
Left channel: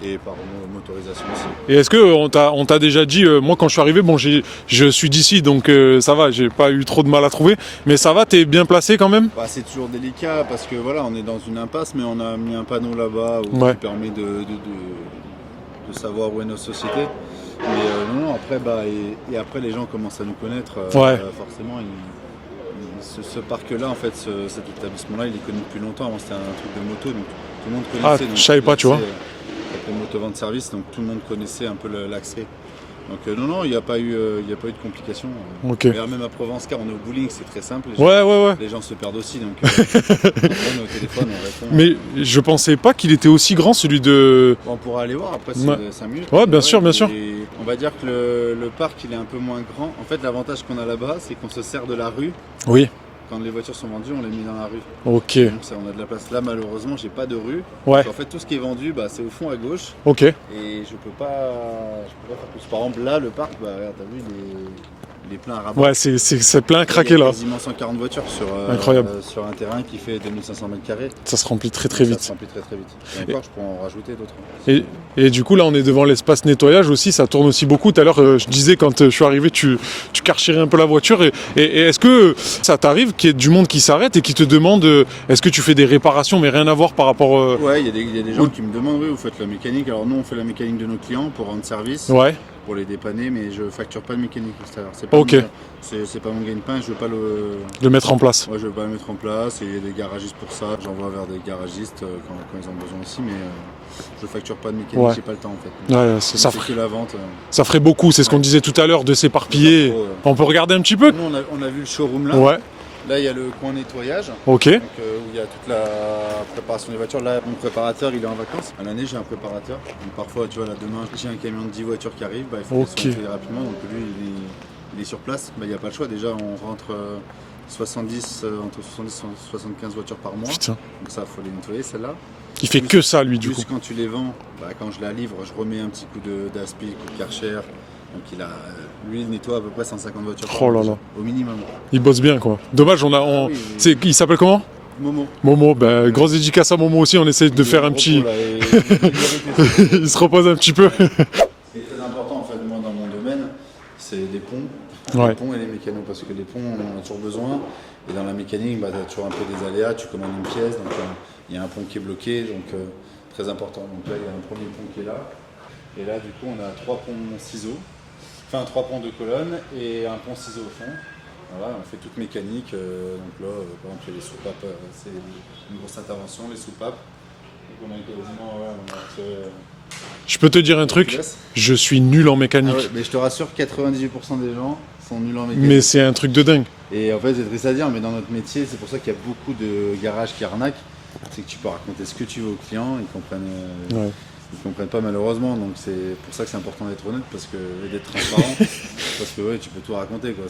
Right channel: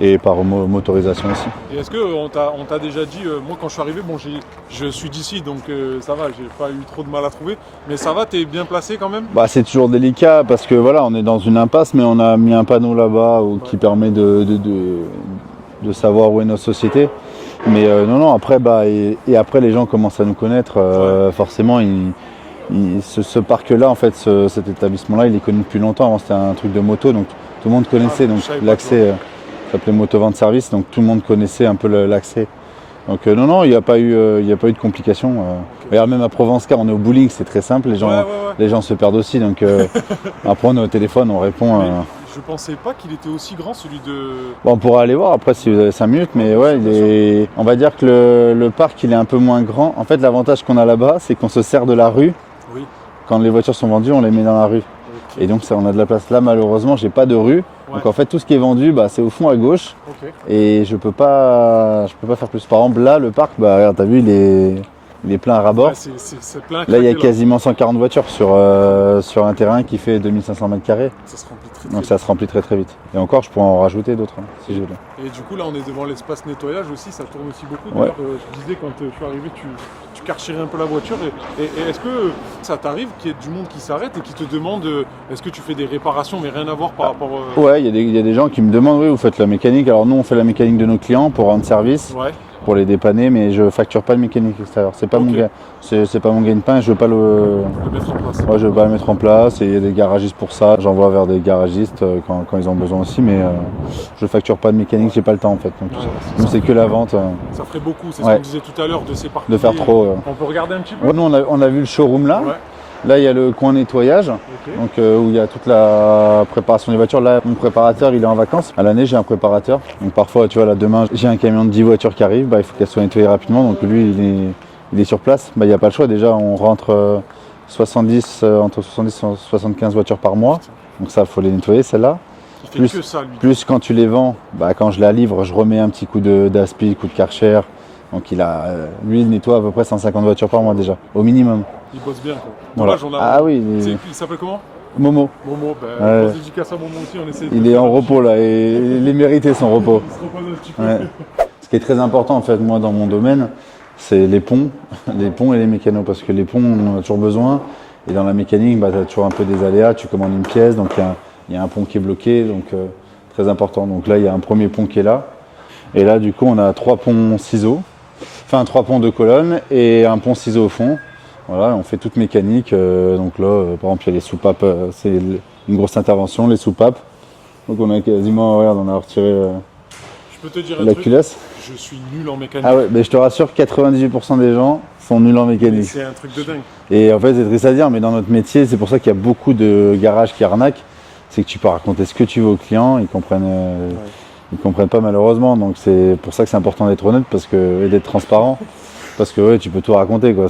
Et par motorisation aussi. Et est-ce qu'on t'a déjà dit, moi quand je suis arrivé, bon je suis d'ici donc ça va, j'ai pas eu trop de mal à trouver, mais ça va, t'es bien placé quand même? Bah c'est toujours délicat parce que voilà, on est dans une impasse, mais on a mis un panneau là-bas qui permet de savoir où est notre société. Mais non, après et après les gens commencent à nous connaître, forcément ce parc-là, en fait, cet établissement-là, il est connu depuis longtemps. Avant c'était un truc de moto, donc tout le monde connaissait. Donc je savais pas, tu vois. Ça s'appelait Motovente Service, donc tout le monde connaissait un peu l'accès. Donc non, il n'y a pas eu de complications. Okay. Et même à Provencecar, on est au bowling, c'est très simple. Les gens se perdent aussi, donc après on est au téléphone, on répond. Mais je pensais pas qu'il était aussi grand celui de. Bon, on pourra aller voir après, c'est 5 minutes. Ouais, bien sûr. On va dire que le parc il est un peu moins grand. En fait, l'avantage qu'on a là-bas, c'est qu'on se sert de la rue. Oui. Quand les voitures sont vendues, on les met dans la rue. Ok. Et donc ça, on a de la place. Là, malheureusement, j'ai pas de rue. Donc en fait, tout ce qui est vendu, c'est au fond à gauche. Ok. Et je peux pas faire plus. Par exemple, là, le parc, regarde, t'as vu, il est plein à ras-bord. Ouais, c'est plein à Là, craquer il y a quasiment 140 voitures sur un terrain qui fait 2500 mètres carrés. Ça se remplit très Donc vite. Ça se remplit très vite. Et encore, je pourrais en rajouter d'autres. Et du coup, là, on est devant l'espace nettoyage aussi. Ça tourne aussi beaucoup. Tout à l'heure, je disais, quand je suis arrivé, tu karcherais un peu la voiture. Et est-ce que ça t'arrive qu'il y ait du monde qui s'arrête et qui te demande est-ce que tu fais des réparations, mais rien à voir par rapport. Ouais, il y a des gens qui me demandent oui, vous faites la mécanique. Alors nous, on fait la mécanique de nos clients pour rendre service. Ouais. Pour les dépanner, mais je facture pas le mécanique extérieur. C'est pas c'est pas mon gagne-pain, je veux pas le mettre en place. Ouais, je veux pas le mettre en place et il y a des garagistes pour ça. J'envoie vers des garagistes quand ils ont besoin aussi, mais je facture pas de mécanique, j'ai pas le temps en fait. Donc, ça fait que la vente. Ça ferait beaucoup, c'est ce qu'on disait tout à l'heure de s'éparpiller. On peut regarder un petit peu. Nous on a vu le showroom là. Ouais. Là, il y a le coin nettoyage, donc, où il y a toute la préparation des voitures. Là, mon préparateur, il est en vacances. À l'année, j'ai un préparateur. Donc parfois, tu vois, là, demain, j'ai un camion de 10 voitures qui arrive. Il faut qu'elles soient nettoyées rapidement. Donc lui, il est sur place. Il n'y a pas le choix. Déjà, on rentre entre 70 et 75 voitures par mois. Putain. Donc ça, il faut les nettoyer, celles-là. Il fait que ça, lui, du coup. Plus quand tu les vends, quand je la livre, je remets un petit coup d'aspi, coup de Karcher. Donc lui, il nettoie à peu près 150 voitures par mois déjà, au minimum. Il bosse bien, quoi. Dommage, il s'appelle comment? Momo. Grosse dédicace à Momo aussi, on essaie de faire un petit... Il est en repos là, et il mérite son repos. Il se repose un petit peu. Ce qui est très important en fait, moi, dans mon domaine, c'est les ponts. Les ponts et les mécanos, parce que les ponts, on en a toujours besoin. Et dans la mécanique, tu as toujours un peu des aléas, tu commandes une pièce, donc il y a un pont qui est bloqué, donc très important. Donc là, il y a un premier pont qui est là. Et là, du coup, on a 3 ponts ciseaux. Enfin, 3 ponts de colonne et un pont ciseau au fond. Voilà, on fait toute mécanique. Donc là, par exemple, il y a les soupapes, c'est une grosse intervention, les soupapes. Donc on a quasiment, regarde, on a retiré. Je peux te dire un truc, je suis nul en mécanique. Ah ouais, mais je te rassure, 98% des gens sont nuls en mécanique. Mais c'est un truc de dingue. Et en fait, c'est triste à dire, mais dans notre métier, c'est pour ça qu'il y a beaucoup de garages qui arnaquent. C'est que tu peux raconter ce que tu veux aux clients, ils comprennent. Ils comprennent pas malheureusement, donc c'est pour ça que c'est important d'être honnête et d'être transparent, parce que tu peux tout raconter quoi.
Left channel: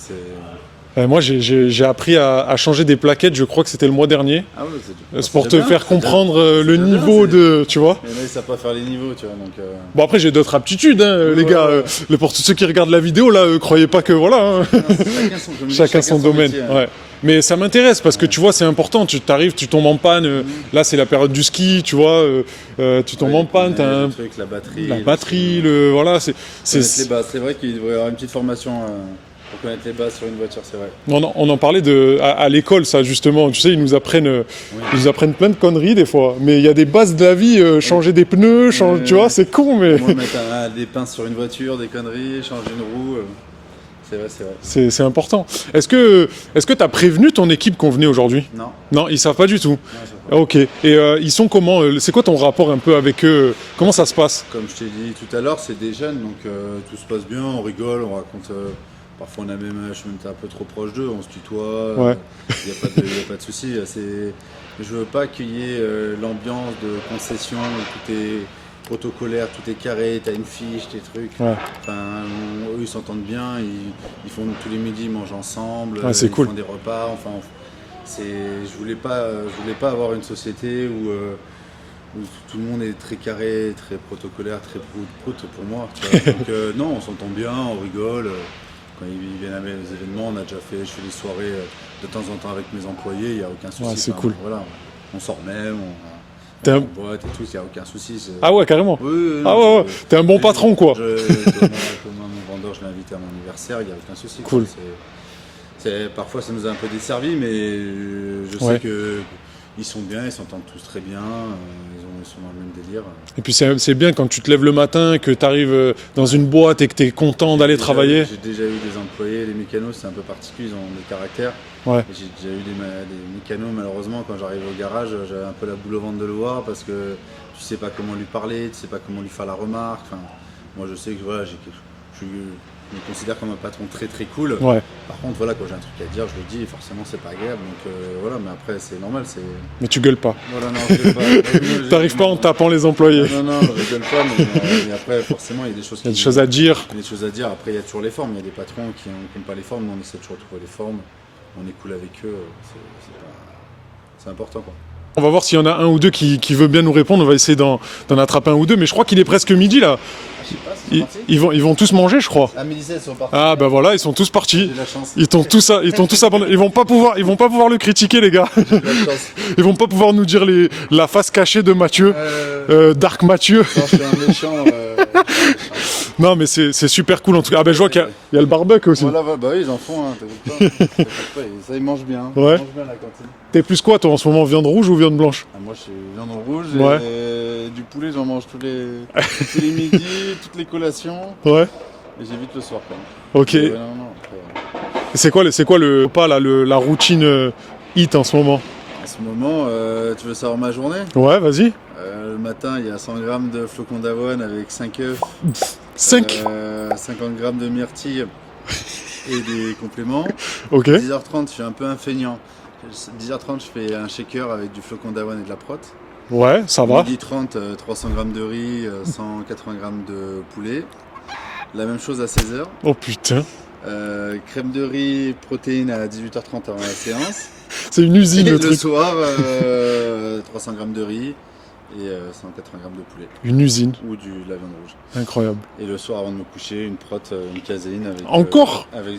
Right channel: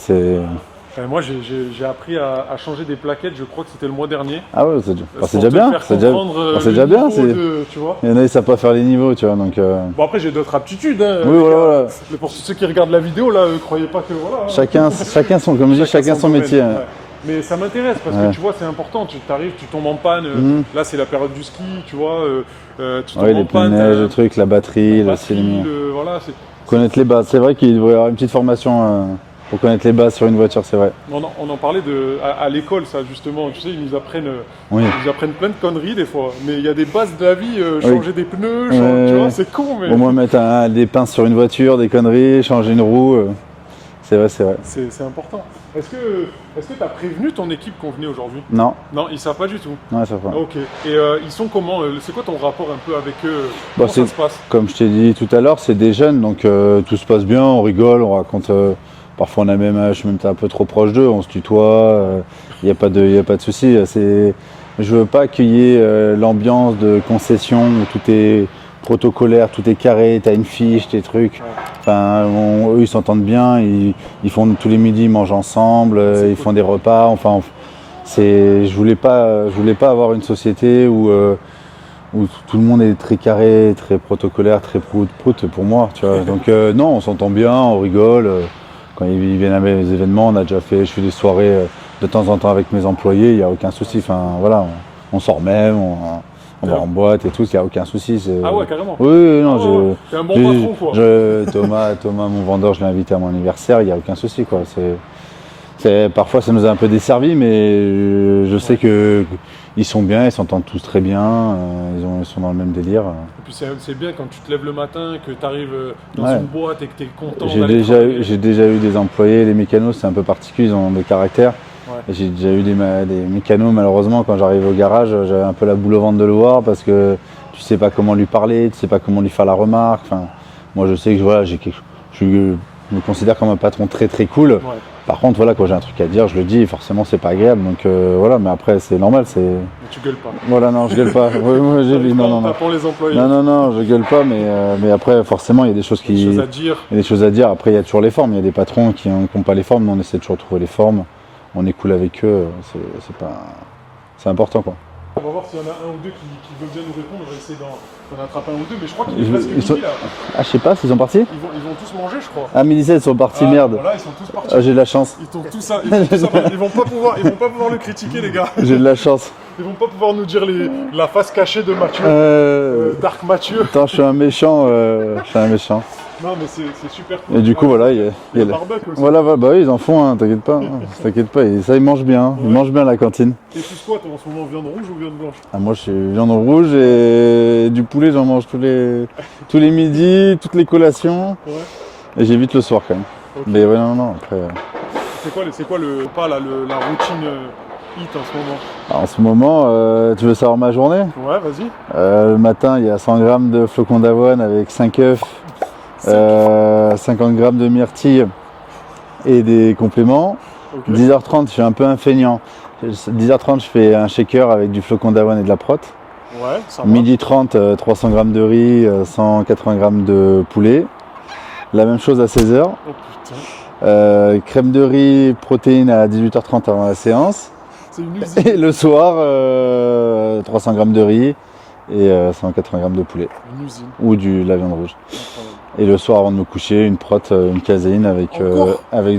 Moi j'ai appris à changer des plaquettes, je crois que c'était le mois dernier. Ah ouais, c'est pour te faire comprendre le niveau de, tu vois. Il y en a ils savent pas faire les niveaux, tu vois, donc. Bon après j'ai d'autres aptitudes, les gars. Pour tous ceux qui regardent la vidéo là, croyez pas que voilà. Chacun son métier. Ouais. Mais ça m'intéresse parce que tu vois, c'est important. Tu t'arrives, tu tombes en panne. Là, c'est la période du ski, tu vois. Tu tombes en panne. Le truc, la batterie. Voilà. Connaître les bases. C'est vrai qu'il devrait y avoir une petite formation pour connaître les bases sur une voiture, c'est vrai. On en parlait à l'école, ça justement. Tu sais, ils nous apprennent plein de conneries des fois. Mais il y a des bases de la vie. Changer des pneus, tu vois, c'est con. Mais... Au moins mettre des pinces sur une voiture, des conneries, changer une roue. C'est vrai. C'est important. Est-ce que tu as prévenu ton équipe qu'on venait aujourd'hui? Non. Non, ils savent pas du tout. Non, ils savent pas. Ok. Et ils sont comment? C'est quoi ton rapport un peu avec eux? Comment ça se passe? Comme je t'ai dit tout à l'heure, c'est des jeunes, donc tout se passe bien, on rigole, on raconte. Parfois on a même âge, même t'es un peu trop proche d'eux, on se tutoie, il n'y a pas de souci. Je veux pas qu'il y ait l'ambiance de concession où tout est protocolaire, tout est carré, t'as une fiche, tes trucs. Enfin, eux ils s'entendent bien, ils font tous les midis, ils mangent ensemble, ils font des repas. Enfin, je voulais pas avoir une société où où tout le monde est très carré, très protocolaire, très prout pour moi, tu vois. Donc non, on s'entend bien, on rigole. Quand ils viennent à mes événements, je fais des soirées de temps en temps avec mes employés, il n'y a aucun souci. c'est cool. Voilà, on sort même, on va en boîte et tout, il n'y a aucun souci. Ah ouais, carrément. Oui, non, Ah ouais. T'es un bon patron, quoi. Thomas, mon vendeur, je l'ai invité à mon anniversaire, il n'y a aucun souci, quoi. Parfois, ça nous a un peu desservi, mais je sais que ils sont bien, ils s'entendent tous très bien, ils sont dans le même délire. Et puis c'est bien quand tu te lèves le matin, que tu arrives dans une boîte et que tu es content d'aller travailler. J'ai déjà eu des employés, les mécanos, c'est un peu particulier, ils ont des caractères. Ouais. J'ai déjà eu des mécanos, malheureusement, quand j'arrive au garage, j'avais un peu la boule au ventre de le voir parce que tu sais pas comment lui parler, tu sais pas comment lui faire la remarque. Enfin, moi, je sais que voilà, je me considère comme un patron très très cool. Ouais. Par contre, voilà, quand j'ai un truc à dire, je le dis, forcément, c'est pas agréable. Donc voilà, mais après, c'est normal. Mais tu gueules pas. Voilà, non, je gueule pas. T'arrives pas en tapant les employés. Non, je gueule pas, mais après, forcément, il y a des choses Il y a des choses à dire. Il y a des choses à dire. Après, il y a toujours les formes. Il y a des patrons qui n'ont pas les formes, mais on essaie toujours de trouver les formes. On est cool avec eux. C'est important, quoi. On va voir s'il y en a un ou deux qui veut bien nous répondre. On va essayer d'en attraper un ou deux. Mais je crois qu'il est presque midi là. Ah, je sais pas, ils sont partis. Ils vont tous manger, je crois. Ah, midi 7, ils sont partis. Ah, merde. bah voilà, ils sont tous partis. Ah, j'ai de la chance. Ils vont tous abandonner. Ils vont pas pouvoir le critiquer, les gars. J'ai de la chance. Ils vont pas pouvoir nous dire la face cachée de Mathieu. Dark Mathieu. Attends, je suis un méchant. Non, mais c'est super cool en tout cas. coup, Mais je vois voilà, qu'il y a le barbecue aussi. Voilà, bah oui, ils en font, hein, t'inquiète pas. T'inquiète pas, ça, ils mangent bien. Ouais. Ils mangent bien à la cantine. T'es plus quoi, toi, en ce moment, viande rouge ou viande blanche? Ah, moi, je suis viande rouge et du poulet, j'en mange tous les midis, toutes les collations. Ouais. Et j'évite le soir quand même. Ok. Mais ouais, non, après. C'est quoi le pas là, la routine hit en ce moment? Alors, en ce moment, tu veux savoir ma journée? Ouais, vas-y. Le matin, il y a 100 grammes de flocons d'avoine avec 5 œufs. Sec. 50 grammes de myrtille et des compléments. Ok. 10h30, je suis un peu un feignant. 10h30, je fais un shaker avec du flocon d'avoine et de la prot. Ouais, ça va. Midi 30, 300 grammes de riz, 180 grammes de poulet. La même chose à 16h. Oh putain. Crème de riz, protéines à 18h30 avant la séance. C'est une usine. Et le le truc. soir, 300 grammes de riz et 180 grammes de poulet. Une usine. Ou de la viande rouge. Incroyable. Et le soir, avant de me coucher, une prot, une caséine avec, Encore avec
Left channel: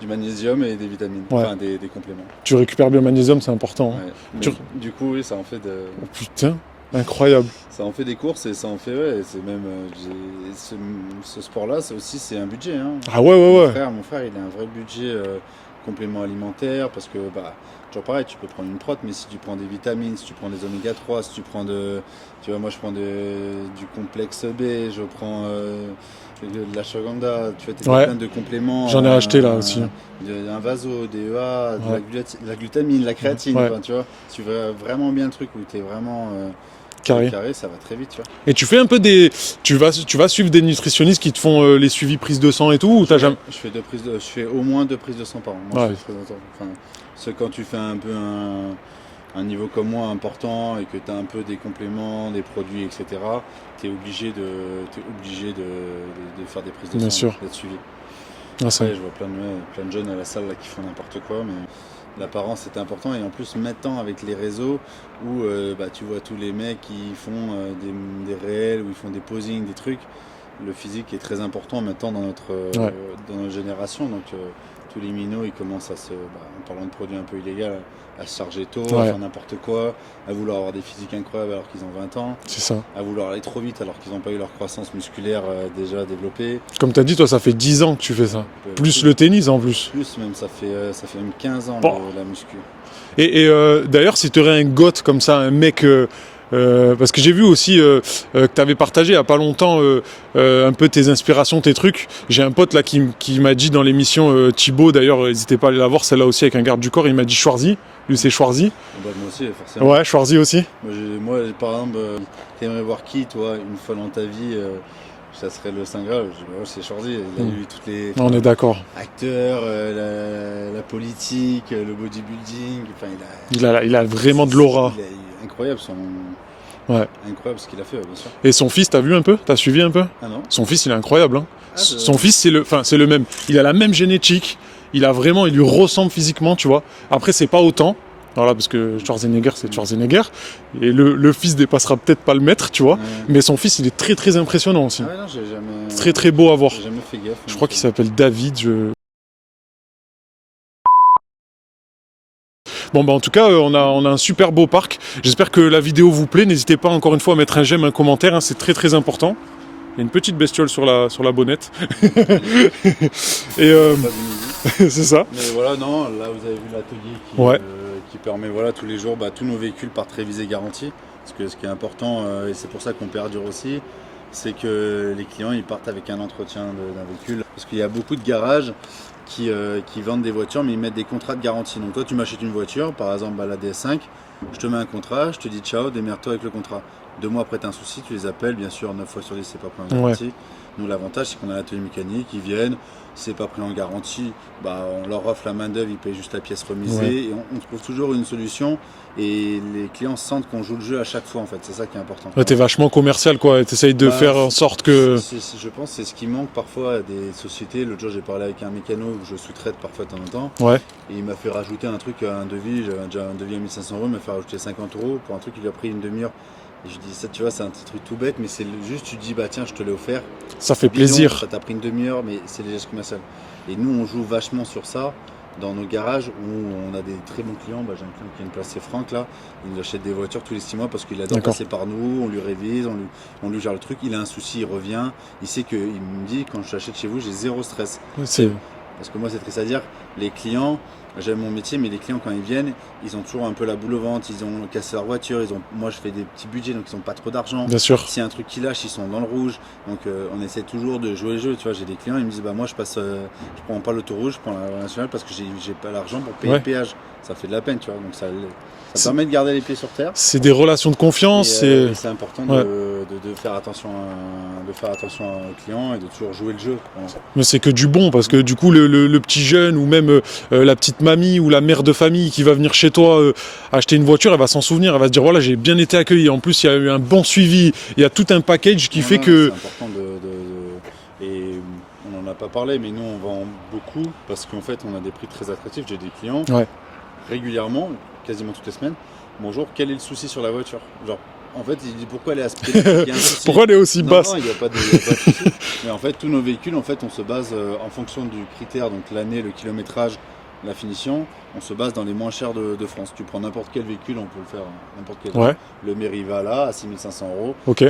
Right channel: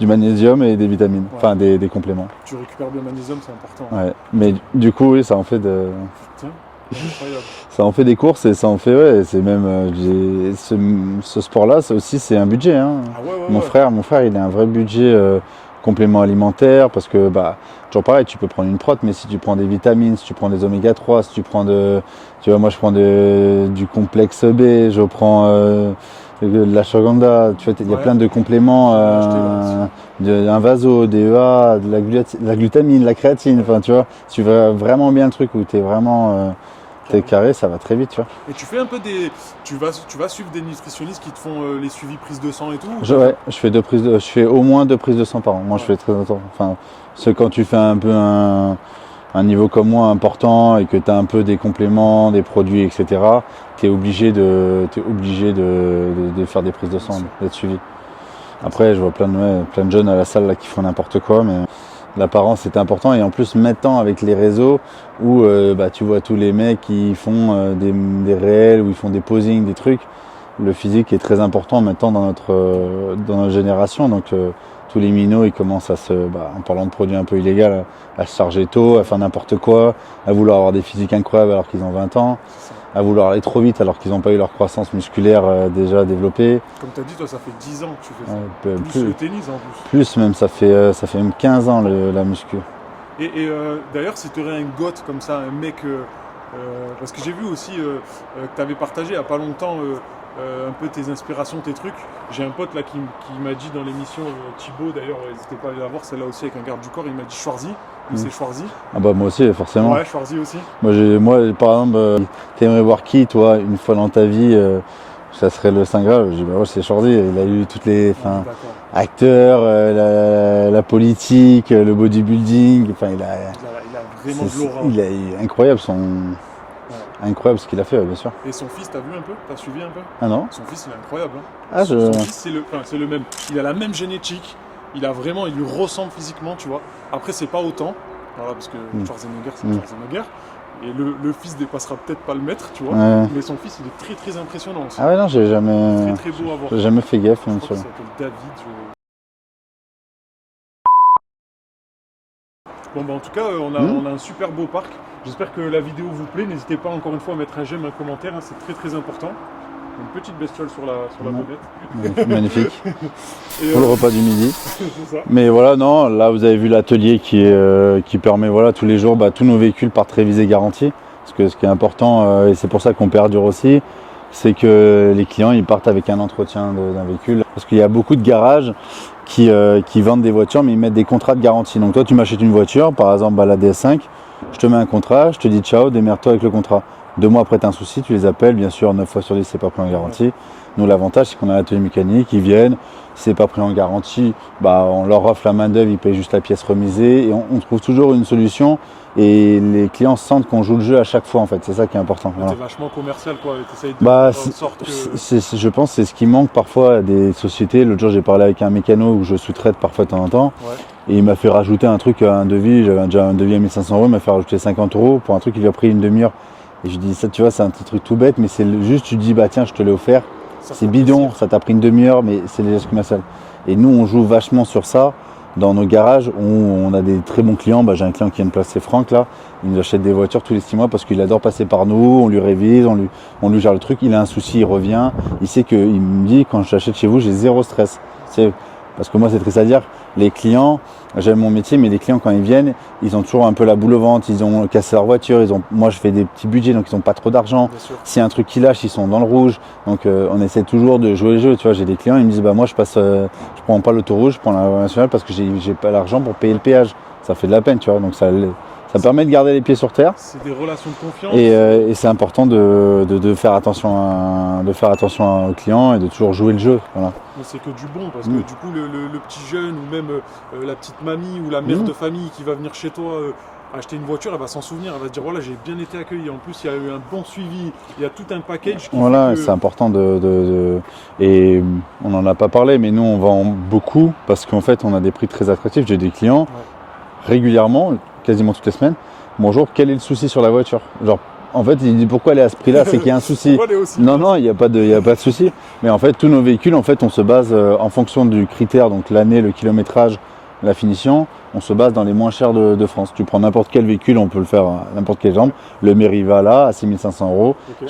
du magnésium et des vitamines, Ouais. enfin des compléments. Tu récupères bien le magnésium, c'est important. Ouais. Mais du coup, oui, ça en fait Putain, incroyable. ça en fait des courses et ça en fait, ouais, c'est même ce sport-là, ça aussi, c'est un budget. Hein. Ah ouais, Mon frère, il a un vrai budget complément alimentaire parce que, toujours pareil, tu peux prendre une prot, mais si tu prends des vitamines, si tu prends des oméga 3, si tu prends tu vois, moi je prends du complexe B, je prends de l'ashwagandha, tu vois, il y a plein de compléments. J'en ai acheté là aussi. Un vaso, des EA, de la glutamine, la créatine, enfin, tu vois, si tu veux vraiment bien le truc où tu es vraiment carré, ça va très vite, tu vois. Et tu fais un peu tu vas suivre des nutritionnistes qui te font les suivis prises de sang et tout ou je fais au moins 2 prises de sang par an. Moi, je fais très longtemps. Enfin, c'est quand tu fais un peu un niveau comme moi important et que tu as un peu des compléments, des produits, etc., tu es obligé de faire des prises de sang, d'être suivi. Après, je vois plein de jeunes à la salle là, qui font n'importe quoi, mais l'apparence c'est important. Et en plus, maintenant, avec les réseaux où tu vois tous les mecs qui font des réels, où ils font des posings, des trucs, le physique est très important maintenant dans notre génération. Donc, tous les minots, ils commencent en parlant de produits un peu illégaux, à se charger tôt, à faire n'importe quoi, à vouloir avoir des physiques incroyables alors qu'ils ont 20 ans, c'est ça. À vouloir aller trop vite alors qu'ils n'ont pas eu leur croissance musculaire déjà développée. Comme tu as dit, toi, ça fait 10 ans que tu fais ça. Plus le tennis en plus. Plus même, ça fait même 15 ans la muscu. Et d'ailleurs, si tu aurais un goth comme ça, un mec... parce que j'ai vu aussi que tu avais partagé il n'y a pas longtemps un peu tes inspirations, tes trucs. J'ai un pote là qui m'a dit dans l'émission Thibaut, d'ailleurs, n'hésitez pas à aller la voir, celle-là aussi avec un garde du corps, il m'a dit Schwarzy. Lui, c'est Schwarzy. Ah bah moi aussi, forcément. Ouais, Schwarzy aussi. Moi par exemple, t'aimerais voir qui, toi, une fois dans ta vie ça serait le Saint Graal. Je dis, ouais, c'est Schwarzy. Il a eu toutes les on est d'accord. Acteurs, la politique, le bodybuilding. Enfin, il a vraiment de l'aura. Il est incroyable incroyable ce qu'il a fait, bien sûr. Et son fils, t'as vu un peu? T'as suivi un peu? Ah non. Son fils, il est incroyable. Hein. Son fils, c'est le même. Il a la même génétique. Il lui ressemble physiquement, tu vois. Après, c'est pas autant. Voilà, parce que Schwarzenegger, c'est Schwarzenegger. Et le fils dépassera peut-être pas le maître, tu vois. Ouais. Mais son fils, il est très très impressionnant aussi. Ah ouais, non, j'ai jamais. Très très beau à voir. J'ai jamais fait gaffe. Je crois qu'il s'appelle David. Bon bah en tout cas on a un super beau parc. J'espère que la vidéo vous plaît. N'hésitez pas encore une fois à mettre un j'aime, un commentaire, hein, c'est très très important. Il y a une petite bestiole sur la bonnette. Magnifique. Et Pour le repas du midi. c'est ça. Mais voilà, non, là vous avez vu l'atelier qui permet voilà, tous les jours, tous nos véhicules partent révisés garantis. Parce que ce qui est important, et c'est pour ça qu'on perdure aussi, c'est que les clients ils partent avec un entretien d'un véhicule. Parce qu'il y a beaucoup de garages qui vendent des voitures mais ils mettent des contrats de garantie. Donc toi tu m'achètes une voiture, par exemple la DS5, je te mets un contrat, je te dis ciao, démerde-toi avec le contrat. 2 mois après, tu as un souci, tu les appelles, bien sûr, 9 fois sur 10, c'est pas pris en garantie. Ouais. Nous, l'avantage, c'est qu'on a l'atelier mécanique, ils viennent, si c'est pas pris en garantie, on leur offre la main-d'œuvre, ils payent juste la pièce remisée, et on trouve toujours une solution. Et les clients sentent qu'on joue le jeu à chaque fois, en fait, c'est ça qui est important. Ouais, t'es vachement commercial, quoi, t'essayes de faire en sorte que. Je pense que c'est ce qui manque parfois à des sociétés. L'autre jour, j'ai parlé avec un mécano où je sous-traite parfois de temps en temps, et il m'a fait rajouter un truc, un devis, j'avais déjà un devis à 1 500 €, il m'a fait rajouter 50 € pour un truc qui lui a pris une demi-heure. Et je dis ça, tu vois, c'est un petit truc tout bête, mais c'est juste, tu dis, tiens, je te l'ai offert. Ça fait plaisir. Ça t'a pris une demi-heure, mais c'est les gestes commerciaux. Et nous, on joue vachement sur ça dans nos garages où on a des très bons clients. J'ai un client qui vient de placer Franck, là. Il nous achète des voitures tous les 6 mois parce qu'il adore passer par nous. On lui révise, on lui gère le truc. Il a un souci, il revient. Il sait qu'il me dit, quand je l'achète chez vous, j'ai zéro stress. Parce que moi, c'est triste à dire. Les clients, j'aime mon métier, mais les clients, quand ils viennent, ils ont toujours un peu la boule au ventre, ils ont cassé leur voiture, moi je fais des petits budgets, donc ils n'ont pas trop d'argent. Bien sûr. S'il y a un truc qui lâche, ils sont dans le rouge. Donc on essaie toujours de jouer le jeu. Tu vois, j'ai des clients, ils me disent, moi je prends pas l'autoroute, je prends la nationale parce que j'ai pas l'argent pour payer le péage. Ça fait de la peine, tu vois, donc ça permet de garder les pieds sur terre. C'est des relations de confiance. Et c'est important de faire attention aux clients et de toujours jouer le jeu. Voilà. Mais c'est que du bon, parce que du coup, le petit jeune ou même la petite mamie ou la mère de famille qui va venir chez toi acheter une voiture, elle va s'en souvenir, elle va se dire voilà, j'ai bien été accueilli. En plus, il y a eu un bon suivi, il y a tout un package qui fait que. C'est important Et on n'en a pas parlé, mais nous, on vend beaucoup parce qu'en fait, on a des prix très attractifs. J'ai des clients régulièrement, quasiment toutes les semaines. Bonjour, quel est le souci sur la voiture? Genre, en fait, il dit pourquoi elle est à ce prix-là, c'est qu'il y a un souci. Pourquoi elle est aussi basse? Non, il n'y a pas de souci. Mais en fait, tous nos véhicules, en fait, on se base en fonction du critère, donc l'année, le kilométrage, la finition, on se base dans les moins chers de France. Tu prends n'importe quel véhicule, on peut le faire à n'importe quel genre. Le Meriva là, à 6 500 €.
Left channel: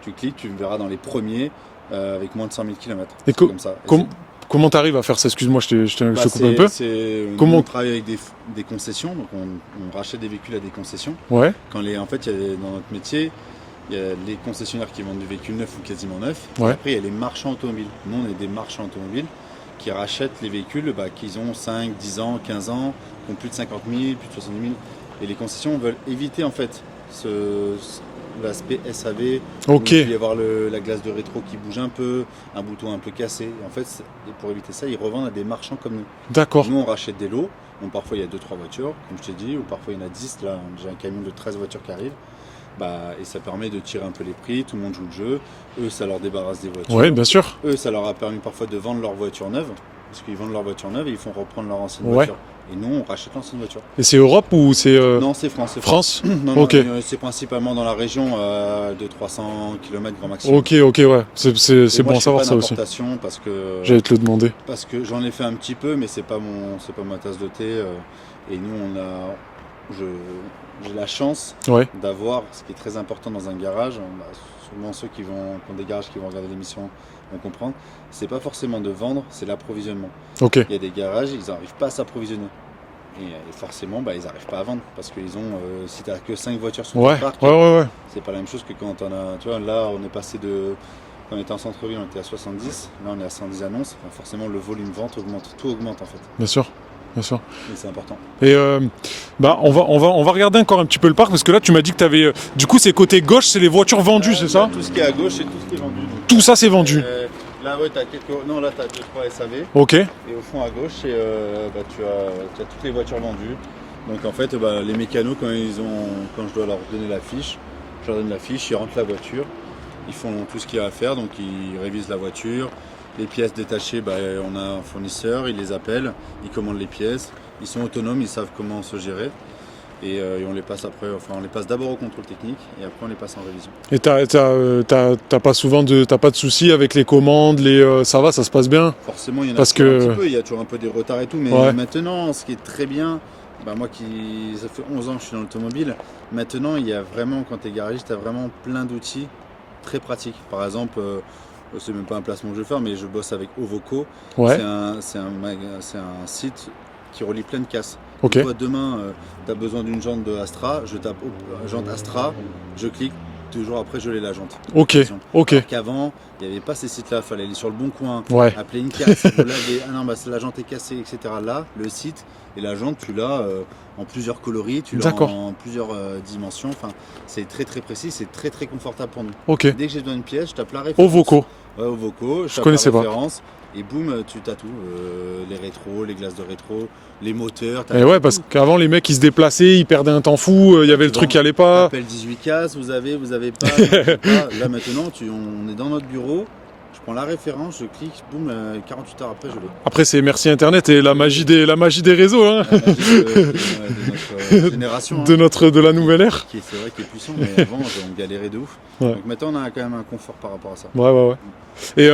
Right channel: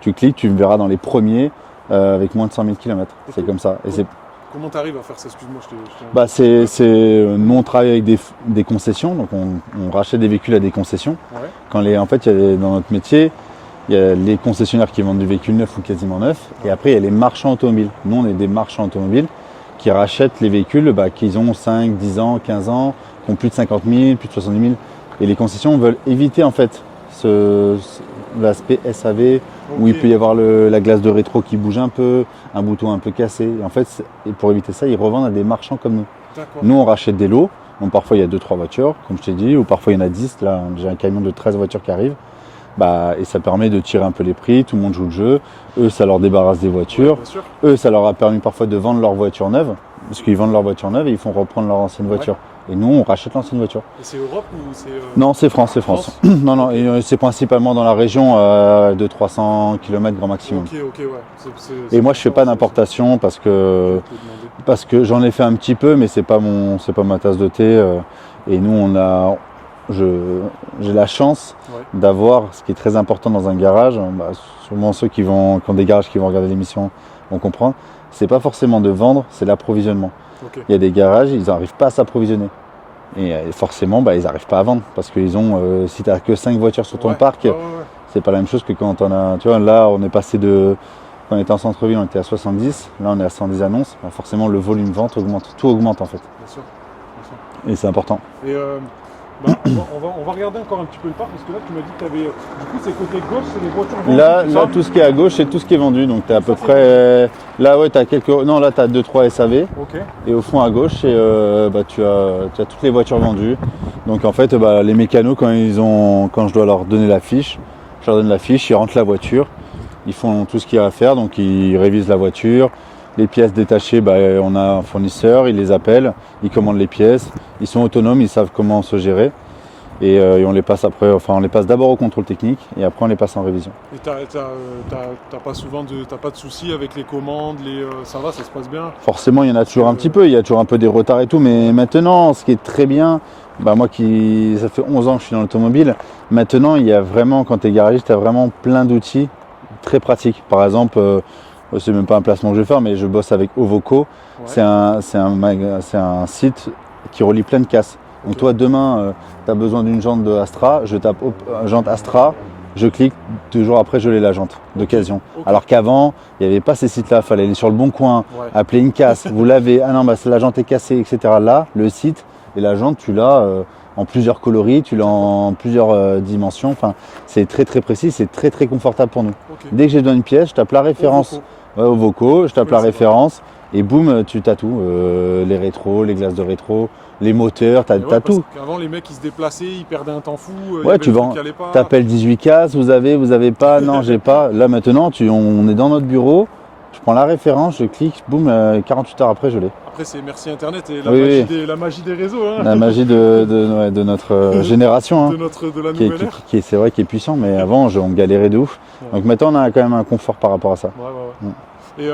Tu cliques, tu me verras dans les premiers avec moins de 100 000 km. C'est comme ça. Comment tu arrives à faire ça? Excuse-moi, je te coupe un peu. Nous, on travaille avec des concessions, donc on rachète des véhicules à des concessions. En fait, dans notre métier, il y a les concessionnaires qui vendent du véhicule neuf ou quasiment neuf, et après, il y a les marchands automobiles. Nous, on est des marchands automobiles qui rachètent les véhicules qu'ils ont 5, 10 ans, 15 ans, qui ont plus de 50 000, plus de 70 000. Et les concessions veulent éviter, en fait, l'aspect SAV, où il peut y avoir la glace de rétro qui bouge un peu, un bouton un peu cassé. Et en fait, pour éviter ça, ils revendent à des marchands comme nous. D'accord. Nous, on rachète des lots. Donc, parfois, il y a 2-3 voitures, comme je t'ai dit, ou parfois, il y en a 10. Là, j'ai un camion de 13 voitures qui arrive. Et ça permet de tirer un peu les prix, tout le monde joue le jeu. Eux, ça leur débarrasse des voitures. Oui, bien sûr. Eux, ça leur a permis parfois de vendre leur voiture neuve, parce qu'ils vendent leur voiture neuve et ils font reprendre leur ancienne voiture. Et nous, on rachète l'ancienne voiture. Et c'est Europe ou c'est... Non, c'est France. Non, c'est principalement dans la région de 300 km grand maximum. Ok, ouais. C'est moi, je fais pas d'importation parce que... J'allais te le demander. Parce que j'en ai fait un petit peu, mais c'est pas ma tasse de thé. Et nous, j'ai la chance d'avoir, ce qui est très important dans un garage, sûrement ceux qui ont des garages qui vont regarder l'émission vont comprendre, c'est pas forcément de vendre, c'est l'approvisionnement. Il y a des garages, ils n'arrivent pas à s'approvisionner. Et forcément, ils n'arrivent pas à vendre. Parce qu'ils ont, si tu n'as que 5 voitures sur ton parc, c'est pas la même chose que quand on a... Tu vois, là, on est passé de... Quand on était en centre-ville, on était à 70. Là, on est à 110 annonces. Forcément, le volume vente augmente. Tout augmente, en fait. Bien sûr. Et c'est important. Et on va regarder encore un petit peu le parc, parce que là, tu m'as dit que tu avais... Du coup, c'est côté gauche, c'est les voitures vendues, c'est ça? Là, tout ce qui est à gauche, c'est tout ce qui est vendu. Donc, tout ça, c'est vendu? Là, tu as quelques... Non, là, tu as 2-3 SAV. Ok. Et au fond, à gauche, tu as toutes les voitures vendues. Donc, en fait, les mécanos, quand je dois leur donner la fiche, je leur donne la fiche, ils rentrent la voiture, ils font tout ce qu'il y a à faire. Donc, ils révisent la voiture, Les pièces détachées, on a un fournisseur, il les appelle, il commande les pièces, ils sont autonomes, ils savent comment se gérer. Et on les passe on les passe d'abord au contrôle technique et après on les passe en révision. Et t'as pas de soucis avec les commandes, ça va, ça se passe bien? Forcément, il y en a Parce toujours que- un petit peu, il y a toujours un peu des retards et tout, mais Ouais. maintenant, ce qui est très bien, moi ça fait 11 ans que je suis dans l'automobile, maintenant il y a vraiment, quand tu es garagiste, tu as vraiment plein d'outils très pratiques. Par exemple, c'est même pas un placement que je vais faire, mais je bosse avec Ovoco. Ouais. C'est un site qui relie plein de casses. Ok. Donc toi, demain, tu as besoin d'une jante de Astra, je tape jante Astra, je clique, 2 jours après, je l'ai la jante d'occasion. Ok. Alors qu'avant, il n'y avait pas ces sites-là, il fallait aller sur le bon coin, Ouais. appeler une casse, vous l'avez, la jante est cassée, etc. Là, le site et la jante, tu l'as en plusieurs coloris, tu l'as D'accord. en plusieurs dimensions. Enfin, c'est très très précis, c'est très très confortable pour nous. Ok. Dès que j'ai besoin d'une pièce, je tape la référence. Ovoco. Ouais, Ovoco, je tape la connaissais pas. référence et boum, tu t'as tout. Les rétros, les glaces de rétro, les moteurs, t'as Et t'as ouais, parce tout. qu'avant les mecs ils se déplaçaient, ils perdaient un temps fou, il y Ouais, avait tu le truc vends- qui allait pas. T'appelles 18 cases, vous avez pas, non j'ai pas. Là maintenant, on est dans notre bureau, je prends la référence, je clique, boum, 48 heures après je l'ai. Après c'est merci internet et la Oui. magie des réseaux, hein, La magie de notre génération. Hein. de la nouvelle ère. C'est vrai qu'il est puissant, mais avant on galérait de ouf. Ouais. Donc maintenant on a quand même un confort par rapport à ça. Ouais. Et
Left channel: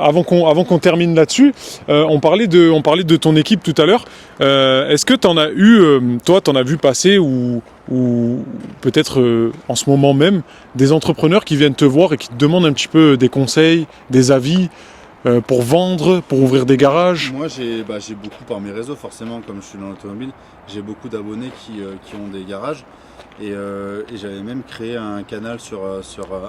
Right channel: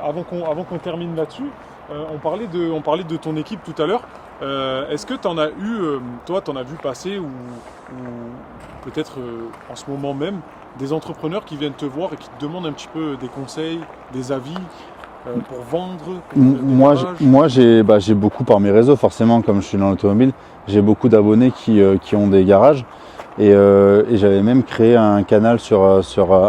avant qu'on termine là-dessus, on parlait de ton équipe tout à l'heure. Est-ce que t'en as eu, toi, t'en as vu passer ou peut-être en ce moment même des entrepreneurs qui viennent te voir et qui te demandent un petit peu des conseils, des avis pour vendre, pour ouvrir des garages? Moi j'ai beaucoup par mes réseaux, forcément, comme je suis dans l'automobile, j'ai beaucoup d'abonnés qui ont des garages. Et j'avais même créé un canal sur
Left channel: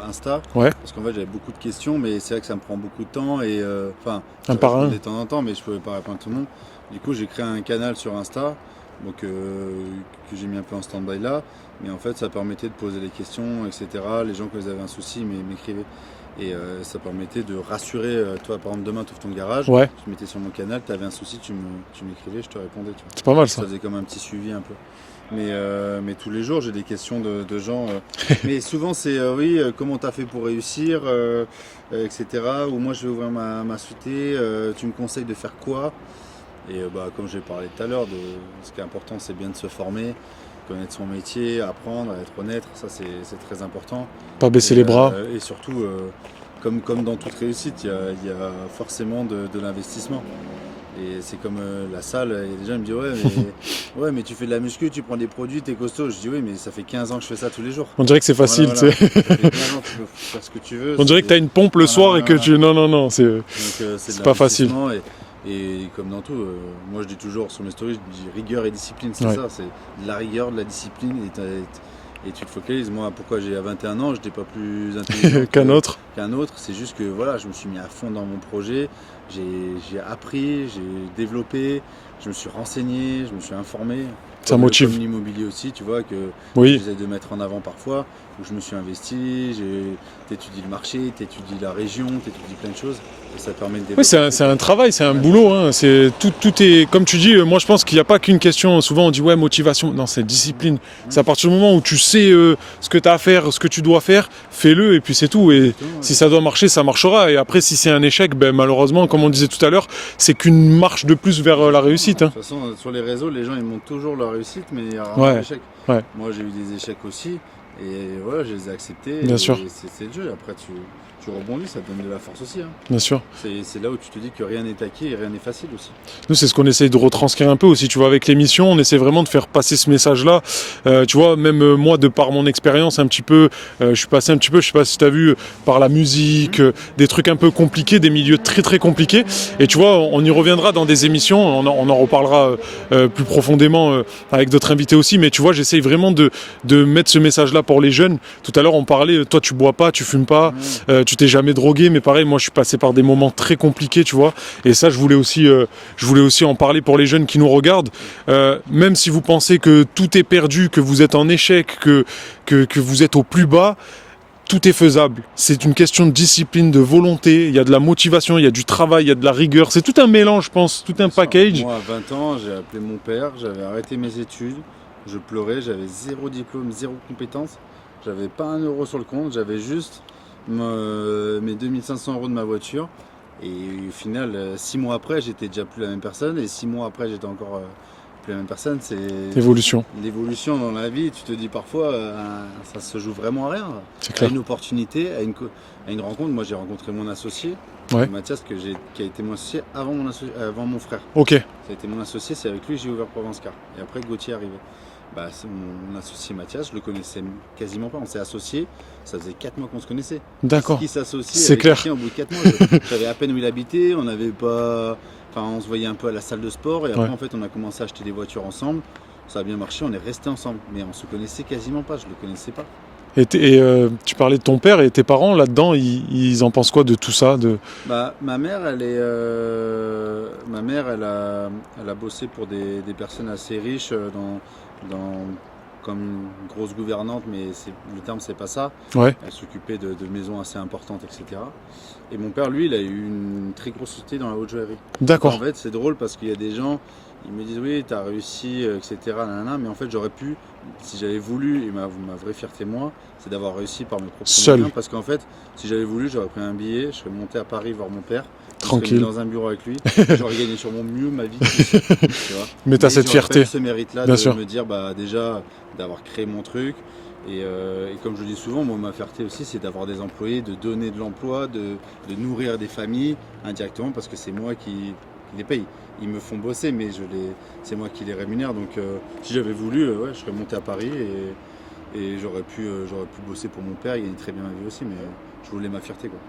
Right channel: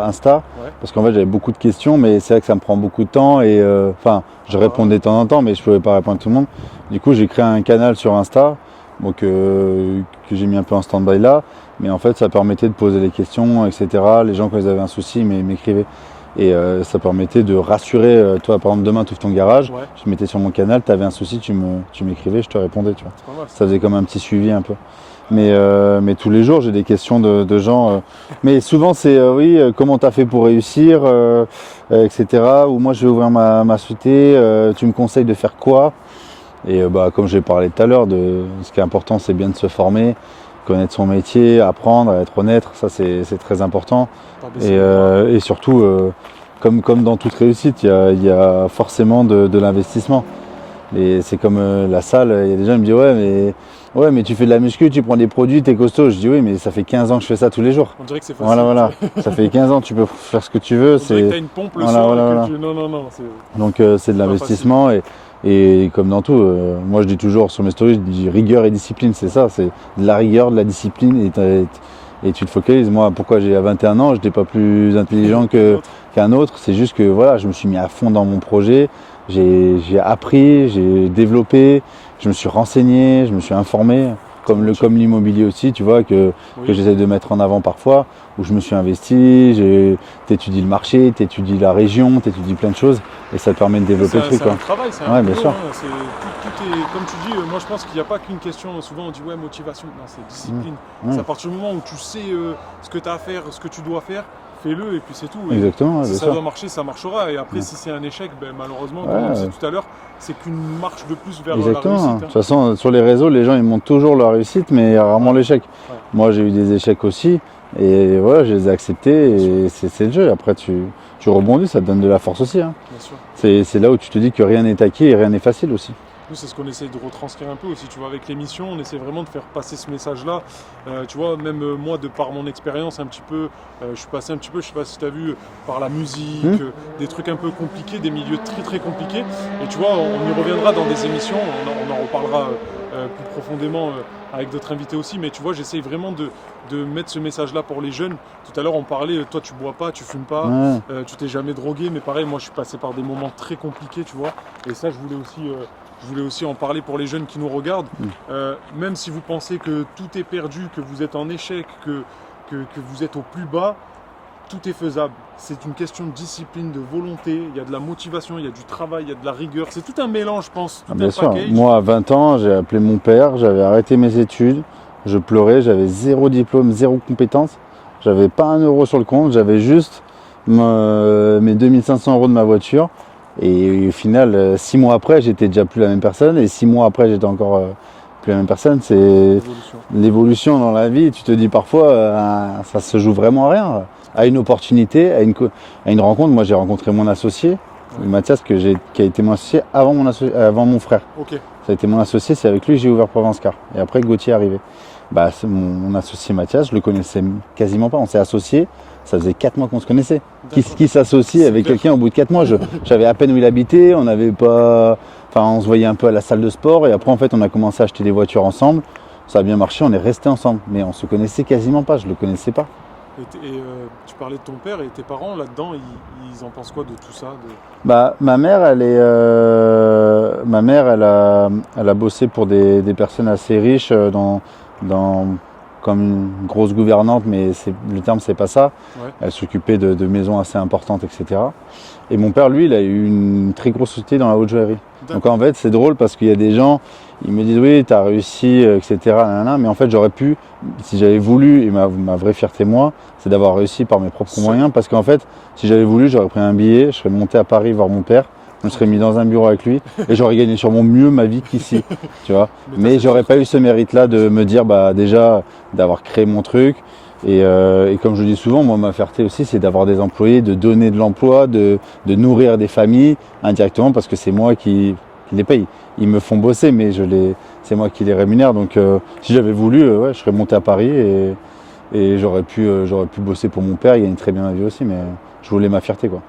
Insta, Ouais. parce qu'en fait j'avais beaucoup de questions, mais c'est vrai que ça me prend beaucoup de temps et je par répondais de temps en temps, mais je ne pouvais pas répondre à tout le monde. Du coup j'ai créé un canal sur Insta, donc que j'ai mis un peu en stand-by là, mais en fait ça permettait de poser les questions, etc. Les gens quand ils avaient un souci m'écrivaient. Et ça permettait de rassurer, toi par exemple demain tu ouvres ton garage, Ouais. je mettais sur mon canal, tu avais un souci, tu m'écrivais, je te répondais, tu vois. C'est pas mal Ça ça. faisait comme un petit suivi un peu. Mais tous les jours, j'ai des questions de gens. Mais souvent, c'est comment tu as fait pour réussir, etc. Ou moi, je vais ouvrir ma société, tu me conseilles de faire quoi? Et comme j'ai parlé tout à l'heure, ce qui est important, c'est bien de se former, connaître son métier, apprendre, être honnête. Ça, c'est très important. Pas baisser les bras. Et surtout, comme dans toute réussite, il y a forcément de l'investissement. Et c'est comme la salle, il y a des gens qui me disent mais tu fais de la muscu, tu prends des produits, t'es costaud. Je dis oui, mais ça fait 15 ans que je fais ça tous les jours. On dirait que c'est facile. Voilà. tu sais. Ça fait 15 ans, tu peux faire ce que tu veux. On dirait que t'as une pompe le soir et que tu. Non, c'est. Donc c'est de pas l'investissement et comme dans tout, moi je dis toujours sur mes stories, je dis rigueur et discipline, c'est Ouais. ça, c'est de la rigueur, de la discipline et tu te focalises. Moi, pourquoi j'ai à 21 ans, je n'étais pas plus intelligent qu'un autre. C'est juste que voilà, je me suis mis à fond dans mon projet. J'ai appris, j'ai développé, je me suis renseigné, je me suis informé, Ça comme motive. l'immobilier aussi, tu vois, que Oui. j'essaie de mettre en avant parfois, où je me suis investi, t'étudies le marché, t'étudies la région, t'étudies plein de choses, et ça te permet de Oui, développer le truc, c'est quoi. un travail, c'est un Ouais, bien boulot. sûr. Hein. C'est tout est comme tu dis. Moi, je pense qu'il n'y a pas qu'une question. Souvent, on dit ouais motivation. Non, c'est discipline. Ouais. C'est à partir du moment où tu sais ce que tu as à faire, ce que tu dois faire, fais-le et puis c'est tout. Et Exactement, si bien ça sûr. doit marcher, ça marchera. Et après, si c'est un échec, ben malheureusement, comme on disait tout à l'heure, c'est qu'une marche de plus vers la Exactement. réussite. De Hein. toute façon, sur les réseaux, les gens ils montrent toujours la réussite, mais il y a rarement Ouais. l'échec. Ouais. Moi, j'ai eu des échecs aussi, et voilà, je les ai acceptés. Bien et sûr. c'est le jeu. Après, tu rebondis, ça te donne de la force aussi. Hein. Bien sûr. C'est là où tu te dis que rien n'est acquis et rien n'est facile aussi. Nous, c'est ce qu'on essaye de retranscrire un peu aussi. Tu vois, avec l'émission, on essaie vraiment de faire passer ce message-là. Tu vois, même moi, de par mon expérience un petit peu, je suis passé un petit peu, je sais pas si tu as vu, par la musique, des trucs un peu compliqués, des milieux très très compliqués. Et tu vois, on y reviendra dans des émissions, on en reparlera plus profondément avec d'autres invités aussi. Mais tu vois, j'essaye vraiment de mettre ce message-là pour les jeunes. Tout à l'heure, on parlait, toi, tu bois pas, tu fumes pas, tu t'es jamais drogué, mais pareil, moi, je suis passé par des moments très compliqués, tu vois. Et ça, je voulais aussi en parler pour les jeunes qui nous regardent. Même si vous pensez que tout est perdu, que vous êtes en échec, que vous êtes au plus bas, tout est faisable. C'est une question de discipline, de volonté. Il y a de la motivation, il y a du travail, il y a de la rigueur. C'est tout un mélange, je pense, tout un Bien sûr. package. Moi, à 20 ans, j'ai appelé mon père, j'avais arrêté mes études, je pleurais, j'avais 0 diplôme, 0 compétence. J'avais pas un euro sur le compte, j'avais juste mes 2500 € de ma voiture. Et au final, 6 mois après, j'étais déjà plus la même personne. Et 6 mois après, j'étais encore plus la même personne. C'est Évolution. l'évolution dans la vie. Tu te dis parfois, ça se joue vraiment à rien. À une opportunité, à une rencontre. Moi, j'ai rencontré mon associé, Mathias, qui a été mon associé avant mon frère. Ok. Ça a été mon associé, c'est avec lui que j'ai ouvert Provence Car. Et après, Gauthier est arrivé. C'est mon associé Mathias, je le connaissais quasiment pas. On s'est associés, ça faisait 4 mois qu'on se connaissait. D'accord. Qui s'associe C'est avec clair. quelqu'un au bout de 4 mois Je savais à peine où il habitait, on n'avait pas. Enfin, on se voyait un peu à la salle de sport et après, en fait, on a commencé à acheter des voitures ensemble. Ça a bien marché, on est restés ensemble. Mais on se connaissait quasiment pas, je le connaissais pas. Et tu parlais de ton père et tes parents là-dedans, ils en pensent quoi de tout ça Ma mère, elle a bossé pour des personnes assez riches comme une grosse gouvernante, mais le terme c'est pas ça. Ouais. Elle s'occupait de maisons assez importantes, etc. Et mon père, lui, il a eu une très grosse société dans la haute joaillerie. D'accord. Donc en fait, c'est drôle parce qu'il y a des gens, ils me disent oui, t'as réussi, etc. Mais en fait, j'aurais pu, si j'avais voulu, et ma vraie fierté, moi, c'est d'avoir réussi par mes propres Seul. moyens. Parce qu'en fait, si j'avais voulu, j'aurais pris un billet, je serais monté à Paris voir mon père. Je serais Tranquille. mis dans un bureau avec lui et j'aurais gagné sûrement mieux ma vie qu'ici. Tu vois. Mais t'as cette j'aurais pas fierté. eu ce mérite-là Bien de sûr. me dire déjà d'avoir créé mon truc. Et comme je le dis souvent, moi ma fierté aussi c'est d'avoir des employés, de donner de l'emploi, de nourrir des familles indirectement parce que c'est moi qui les paye. Ils me font bosser mais c'est moi qui les rémunère. Donc si j'avais voulu, je serais monté à Paris et j'aurais pu bosser pour mon père, il gagne très bien ma vie aussi, mais je voulais ma fierté quoi.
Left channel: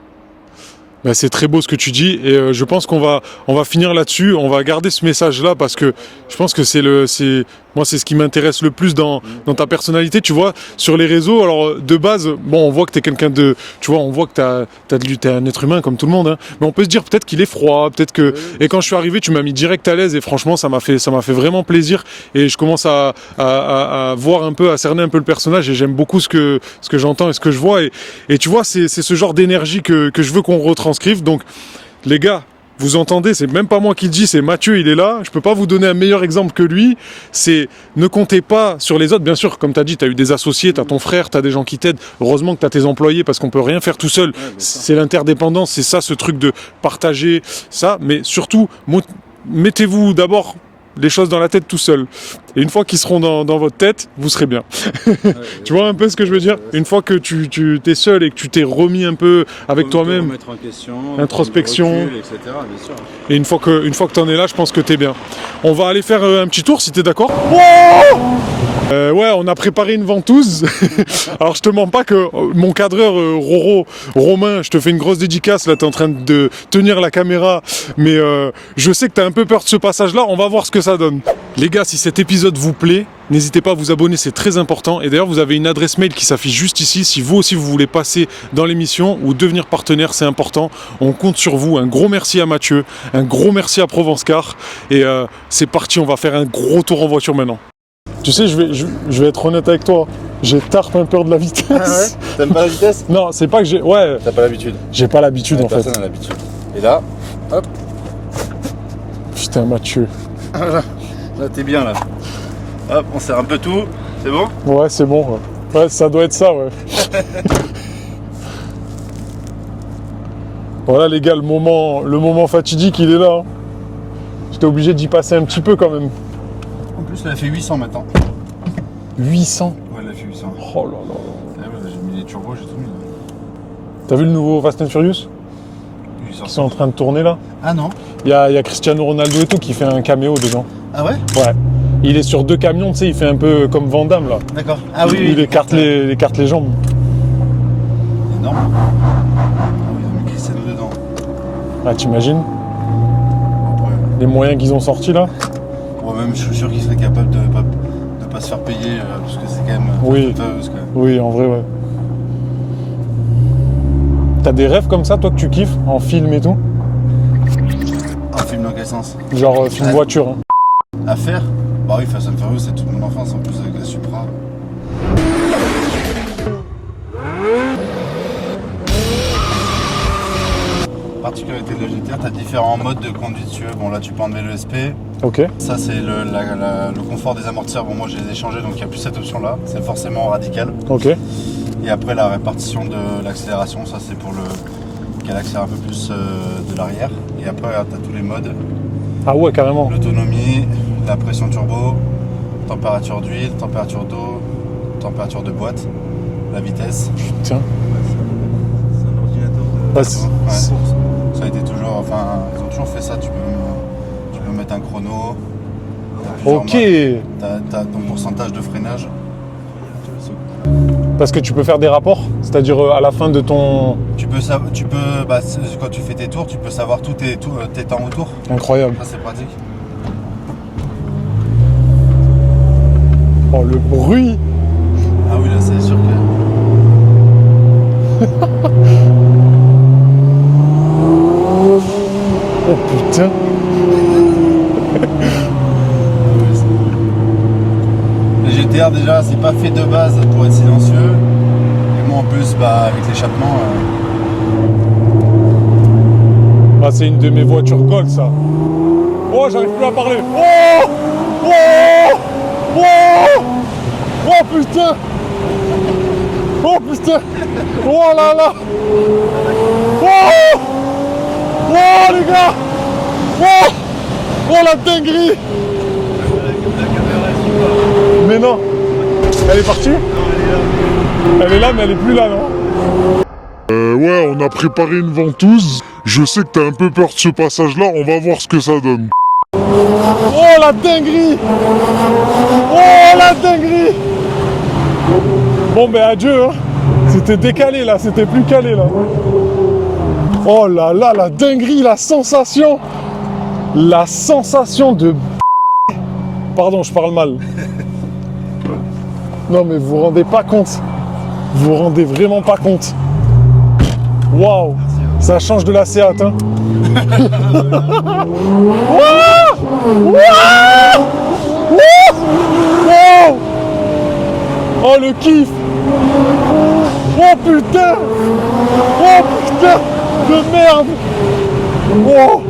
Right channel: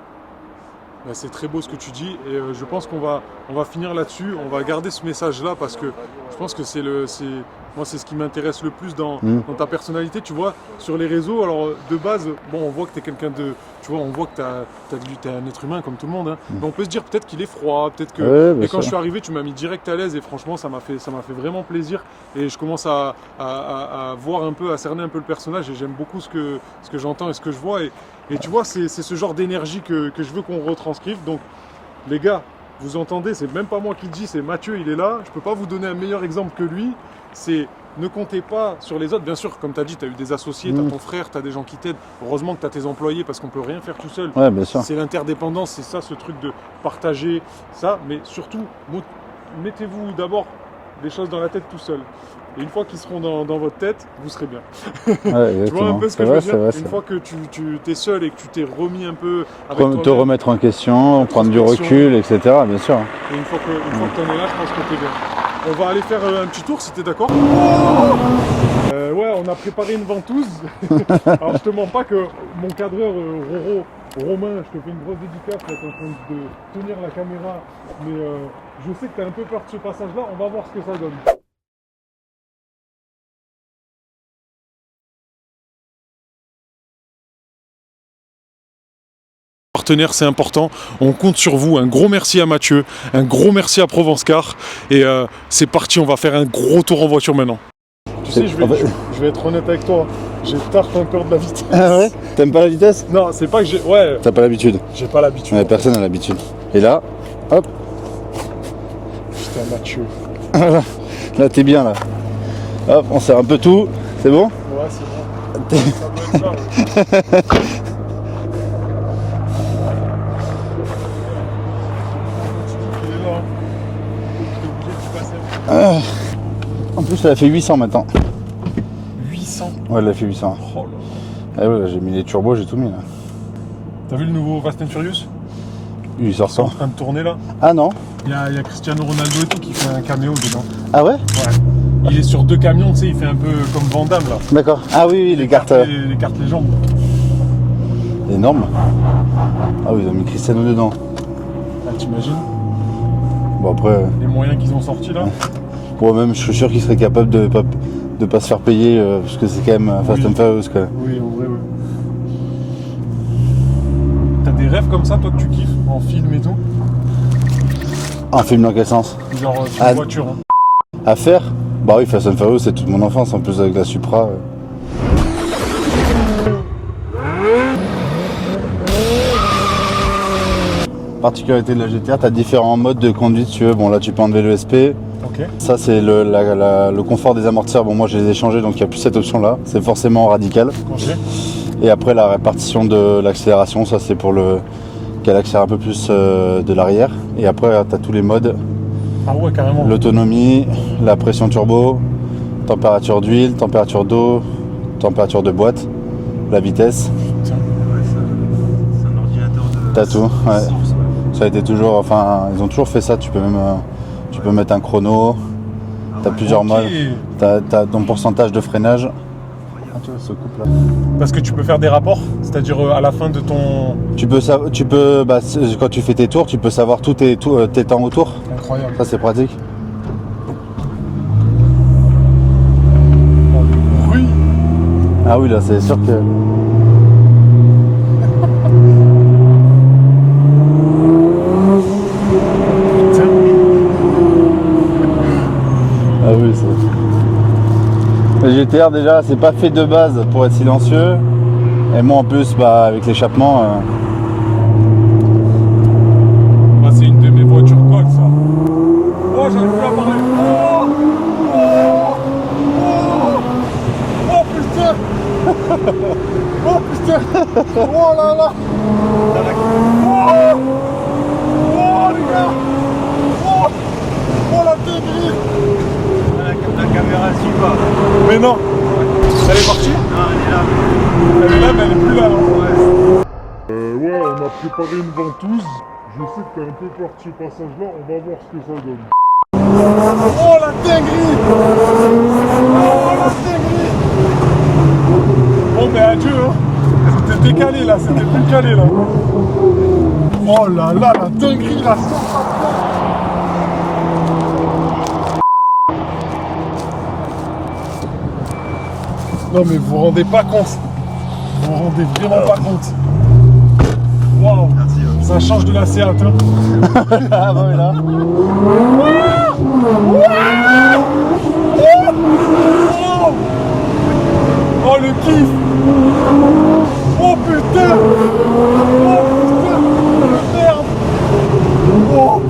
C'est très beau ce que tu dis et je pense qu'on va finir là-dessus. On va garder ce message-là parce que je pense que c'est ce qui m'intéresse le plus dans ta personnalité. Tu vois, sur les réseaux, alors de base, bon, on voit que t'es quelqu'un de, tu vois, on voit que t'es un être humain comme tout le monde. Hein. Mais on peut se dire peut-être qu'il est froid, peut-être que. Ouais, bien et quand sûr. je suis arrivé, tu m'as mis direct à l'aise et franchement, ça m'a fait vraiment plaisir. Et je commence à voir un peu, à cerner un peu le personnage et j'aime beaucoup ce que j'entends et ce que je vois. Et tu vois, c'est ce genre d'énergie que je veux qu'on retranscrive. Donc, les gars, vous entendez, c'est même pas moi qui le dis, c'est Mathieu, il est là. Je peux pas vous donner un meilleur exemple que lui. C'est ne comptez pas sur les autres. Bien sûr, comme tu as dit, tu as eu des associés, tu as ton frère, tu as des gens qui t'aident. Heureusement que tu as tes employés parce qu'on peut rien faire tout seul. Ouais, bien sûr. C'est l'interdépendance, c'est ça, ce truc de partager ça. Mais surtout, mettez-vous d'abord les choses dans la tête tout seul. Et une fois qu'ils seront dans votre tête, vous serez bien. Ouais, Tu vois un peu ce que je veux dire? Une fois que tu t'es seul et que tu t'es remis un peu avec te toi-même, remettre en question, prendre du introspection. recul, etc. Bien sûr. et une fois que t'en es là, je pense que t'es bien. On va aller faire un petit tour si t'es d'accord. Ouais, on a préparé une ventouse. Alors je te mens pas que mon cadreur Romain, je te fais une grosse dédicace. Là, t'es en train de tenir la caméra, mais je sais que t'as un peu peur de ce passage-là. On va voir ce que ça donne. Les gars, si cet épisode vous plaît, n'hésitez pas à vous abonner, c'est très important. Et d'ailleurs, vous avez une adresse mail qui s'affiche juste ici. Si vous aussi vous voulez passer dans l'émission ou devenir partenaire, c'est important. On compte sur vous. Un gros merci à Mathieu, un gros merci à Provence Car. Et c'est parti, on va faire un gros tour en voiture maintenant. Tu sais, je vais être honnête avec toi. J'ai tarte un peu de la vitesse. Ah ouais. T'aimes pas la vitesse? Non, c'est pas que j'ai. Ouais, T'as pas l'habitude. j'ai pas l'habitude en fait. Personne n'a l'habitude. Et là, hop, Putain, Mathieu. là t'es bien là. Hop, on serre un peu tout. C'est bon? Ouais, c'est bon. Ouais, ça doit être ça, ouais. Voilà, les gars, le moment fatidique, il est là. Hein. J'étais obligé d'y passer un petit peu quand même. En plus, elle a fait 800 maintenant. 800. Ouais, elle a fait 800. Oh là là. Ah ouais, j'ai mis les turbos, j'ai tout mis là. T'as vu le nouveau Fast and Furious? 800. Ils sont en train de tourner là. Ah non? Il y a Cristiano Ronaldo et tout qui fait un caméo dedans. Ah ouais? Ouais. Il est sur 2 camions, tu sais, il fait un peu comme Van Damme là. D'accord. Ah oui, il écarte les jambes. Énorme. Ah oui, ils ont mis Cristiano dedans. Ah, t'imagines? Bon après, Les moyens qu'ils ont sortis là. même je suis sûr qu'ils seraient capables de pas se faire payer parce que c'est quand même Oui. Fast and Furious quoi. Oui, en vrai, ouais. T'as des rêves comme ça, toi, que tu kiffes, en film et tout? Un film dans quel sens? Genre film Ah. voiture. Hein. À faire? Bah oui, Fast and Furious, c'est toute mon enfance, en plus avec la Supra. Particularité de la GTR, tu as différents modes de conduite, si tu veux. Bon, là, tu peux enlever le SP. Ok. Ça, c'est le confort des amortisseurs. Bon, moi, je les ai changés, donc il n'y a plus cette option-là. C'est forcément radical. Ok. Et après, la répartition de l'accélération, ça, c'est pour qu'elle accélère un peu plus de l'arrière. Et après, tu as tous les modes. Ah ouais, carrément. L'autonomie, la pression turbo, température d'huile, température d'eau, température de boîte, la vitesse. Tiens. C'est un ordinateur de... T'as tout, ouais. c'est- Ça a été toujours, enfin, ils ont toujours fait ça. Tu peux mettre un chrono. T'as plusieurs Ok. modes. T'as ton pourcentage de freinage. Parce que tu peux faire des rapports, c'est-à-dire à la fin de ton... Quand tu fais tes tours, tu peux savoir tous tes temps autour. Incroyable. Ça, c'est pratique. Oh, le bruit. Ah oui, là, c'est sûr que. Oh putain. Ah oui, c'est. Le GTR, déjà, c'est pas fait de base pour être silencieux. Et moi, en plus, avec l'échappement. Ah, c'est une de mes voitures gold, ça. Oh, j'arrive plus à parler. Oh. Oh. Oh. Oh putain. Oh putain. Oh là là. Oh. Oh les gars. Oh. Oh la dinguerie. La caméra elle suit pas. Mais non. Elle est partie? Elle est là, mais elle est plus là, non? Ouais, on a préparé une ventouse. Je sais que t'as un peu peur de ce passage-là, on va voir ce que ça donne. Oh la dinguerie. Oh la dinguerie. Bon ben adieu hein. C'était décalé là, c'était plus calé là. Oh là là, la dinguerie, la sensation. La sensation de... Pardon, je parle mal. Non mais vous vous rendez pas compte. Vous vous rendez vraiment pas compte. Waouh. Ça change de la Seat hein. Oh le kiff. Oh putain. Oh putain de merde. Oh.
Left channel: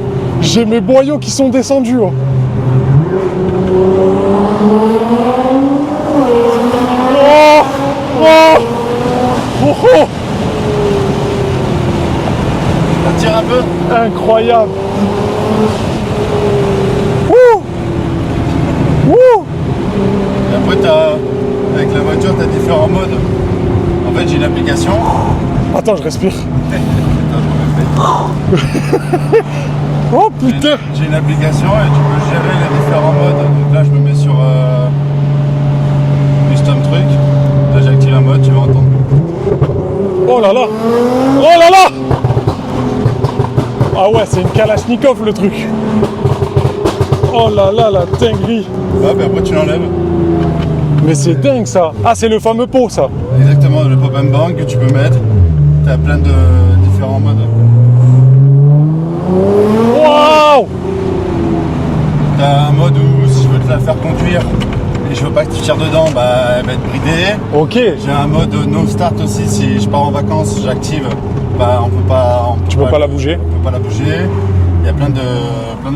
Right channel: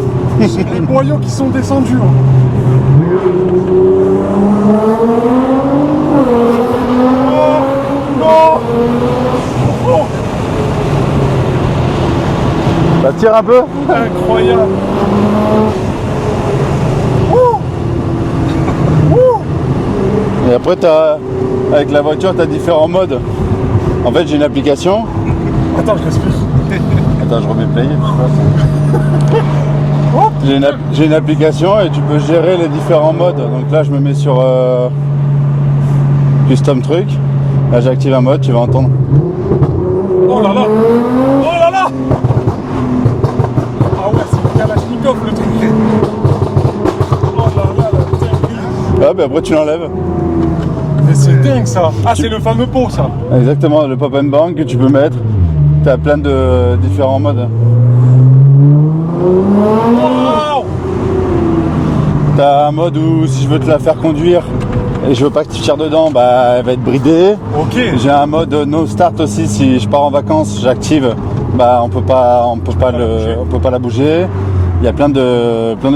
J'ai mes boyaux qui sont descendus oh. Oh. Oh. Oh. Oh. Ça tire un peu. Incroyable. Ouh. Ouh. Et après, avec la voiture, tu as différents modes. En fait, j'ai une application. Attends, je respire. Attends, je remets play. Oh J'ai putain. j'ai une application et tu peux gérer les différents modes. Donc là, je me mets sur custom truc. Là, j'active un mode, tu vas entendre. Oh là là. Oh là là. Ah ouais, c'est une Kalachnikov le truc. Oh là là, la dinguerie. Hop, et après, tu l'enlèves. Mais c'est dingue ça. Ah, c'est le fameux pot ça. Exactement, le pop and bang que tu peux mettre. Tu as plein de différents modes. Waouh. Tu as un mode où si je veux te la faire conduire et je veux pas que tu tires dedans, elle va être bridée. Ok. J'ai un mode no start aussi, si je pars en vacances, j'active, on peut pas la bouger. on peut pas la bouger. Il y a plein de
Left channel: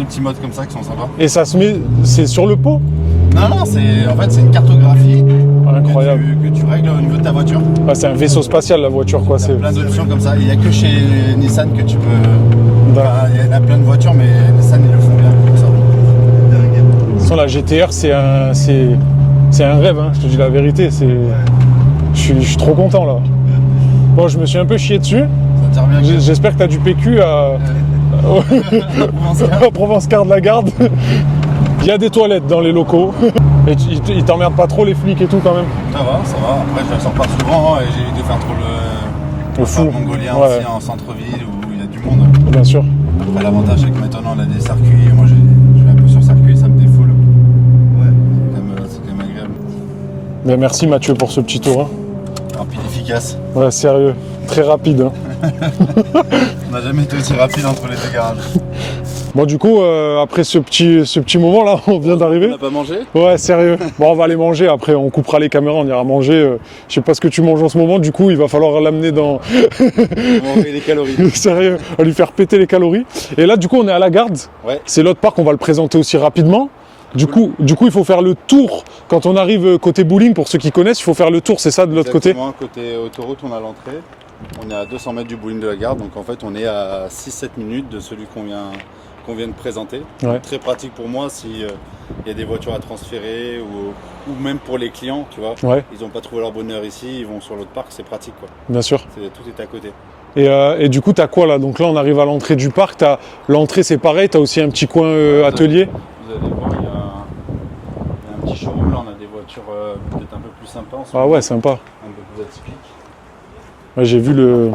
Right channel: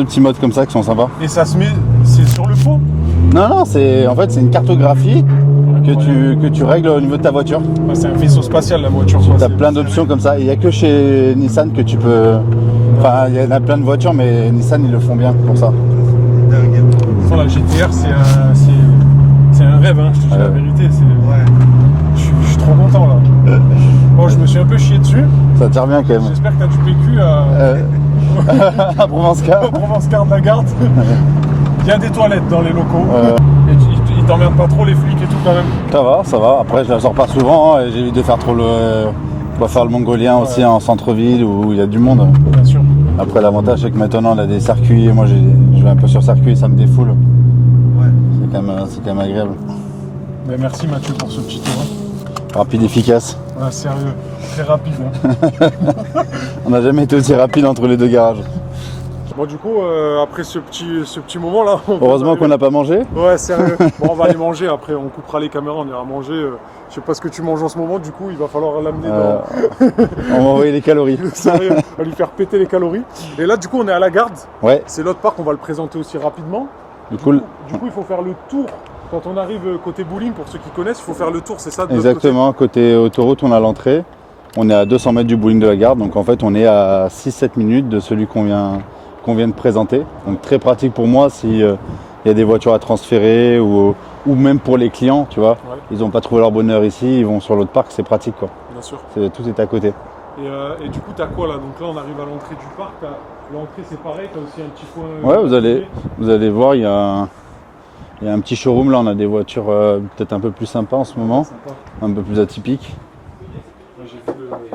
petits modes comme ça qui sont sympas. Et ça se met... C'est sur le faux. Non, c'est une cartographie Incroyable. que tu règles au niveau de ta voiture. Bah, c'est un vaisseau spatial la voiture. quoi. Tu as C'est- plein d'options comme ça. Il n'y a que chez Nissan que tu peux... Enfin, il y en a plein de voitures, mais Nissan, ils le font bien pour ça. De toute façon, la GTR, c'est un rêve, hein, je te dis la vérité. Je suis trop content là. Bon, je me suis un peu chié dessus. Ça tire bien. J'espère que tu as du PQ à Provence-Car. Provence-Car de la Garde. Il y a des toilettes dans les locaux. Et ils t'emmerdent pas trop les flics et tout quand même. Ça va. Après, je la sors pas souvent et j'évite de faire trop le fou. mongolien Ouais. aussi en centre-ville où il y a du monde. Bien sûr. Après, l'avantage, c'est que maintenant, on a des circuits. Moi, je vais un peu sur circuit, ça me défoule. C'est quand même agréable. Mais merci Mathieu pour ce petit tour. hein. Rapide, efficace. Ouais, sérieux. Très rapide. hein. On n'a jamais été aussi rapide entre les deux garages. Bon, du coup, après ce petit moment là, on vient Heureusement d'arriver. qu'on n'a pas mangé. Ouais, sérieux. Bon, on va aller manger après, on coupera les caméras, on ira manger. Je sais pas ce que tu manges en ce moment, du coup, il va falloir l'amener dans. On va envoyer les calories. Sérieux, on va lui faire péter les calories. Et là, du coup, on est à la Garde. Ouais. C'est l'autre parc, on va le présenter aussi rapidement. Du Cool. coup, il faut faire le tour. Quand on arrive côté bowling, pour ceux qui connaissent, il faut faire le tour, c'est ça, de l'autre côté. Exactement. Côté autoroute, on a l'entrée. On est à 200 mètres du bowling de la gare, donc en fait on est à 6-7 minutes de celui qu'on vient de présenter. Ouais. Donc, très pratique pour moi si il y a des voitures à transférer ou même pour les clients, tu vois. Ouais, Ils n'ont pas trouvé leur bonheur ici, ils vont sur l'autre parc, c'est pratique quoi. bien sûr. Tout est à côté. Et du coup, t'as quoi là? Donc là, on arrive à l'entrée du parc. L'entrée, c'est pareil. T'as aussi un petit coin Ouais, atelier. Vous allez voir, il y a un petit showroom là, on a des voitures peut-être un peu plus sympas en ce Ah moment, ouais, sympa. un peu plus atypiques. Ouais, j'ai vu le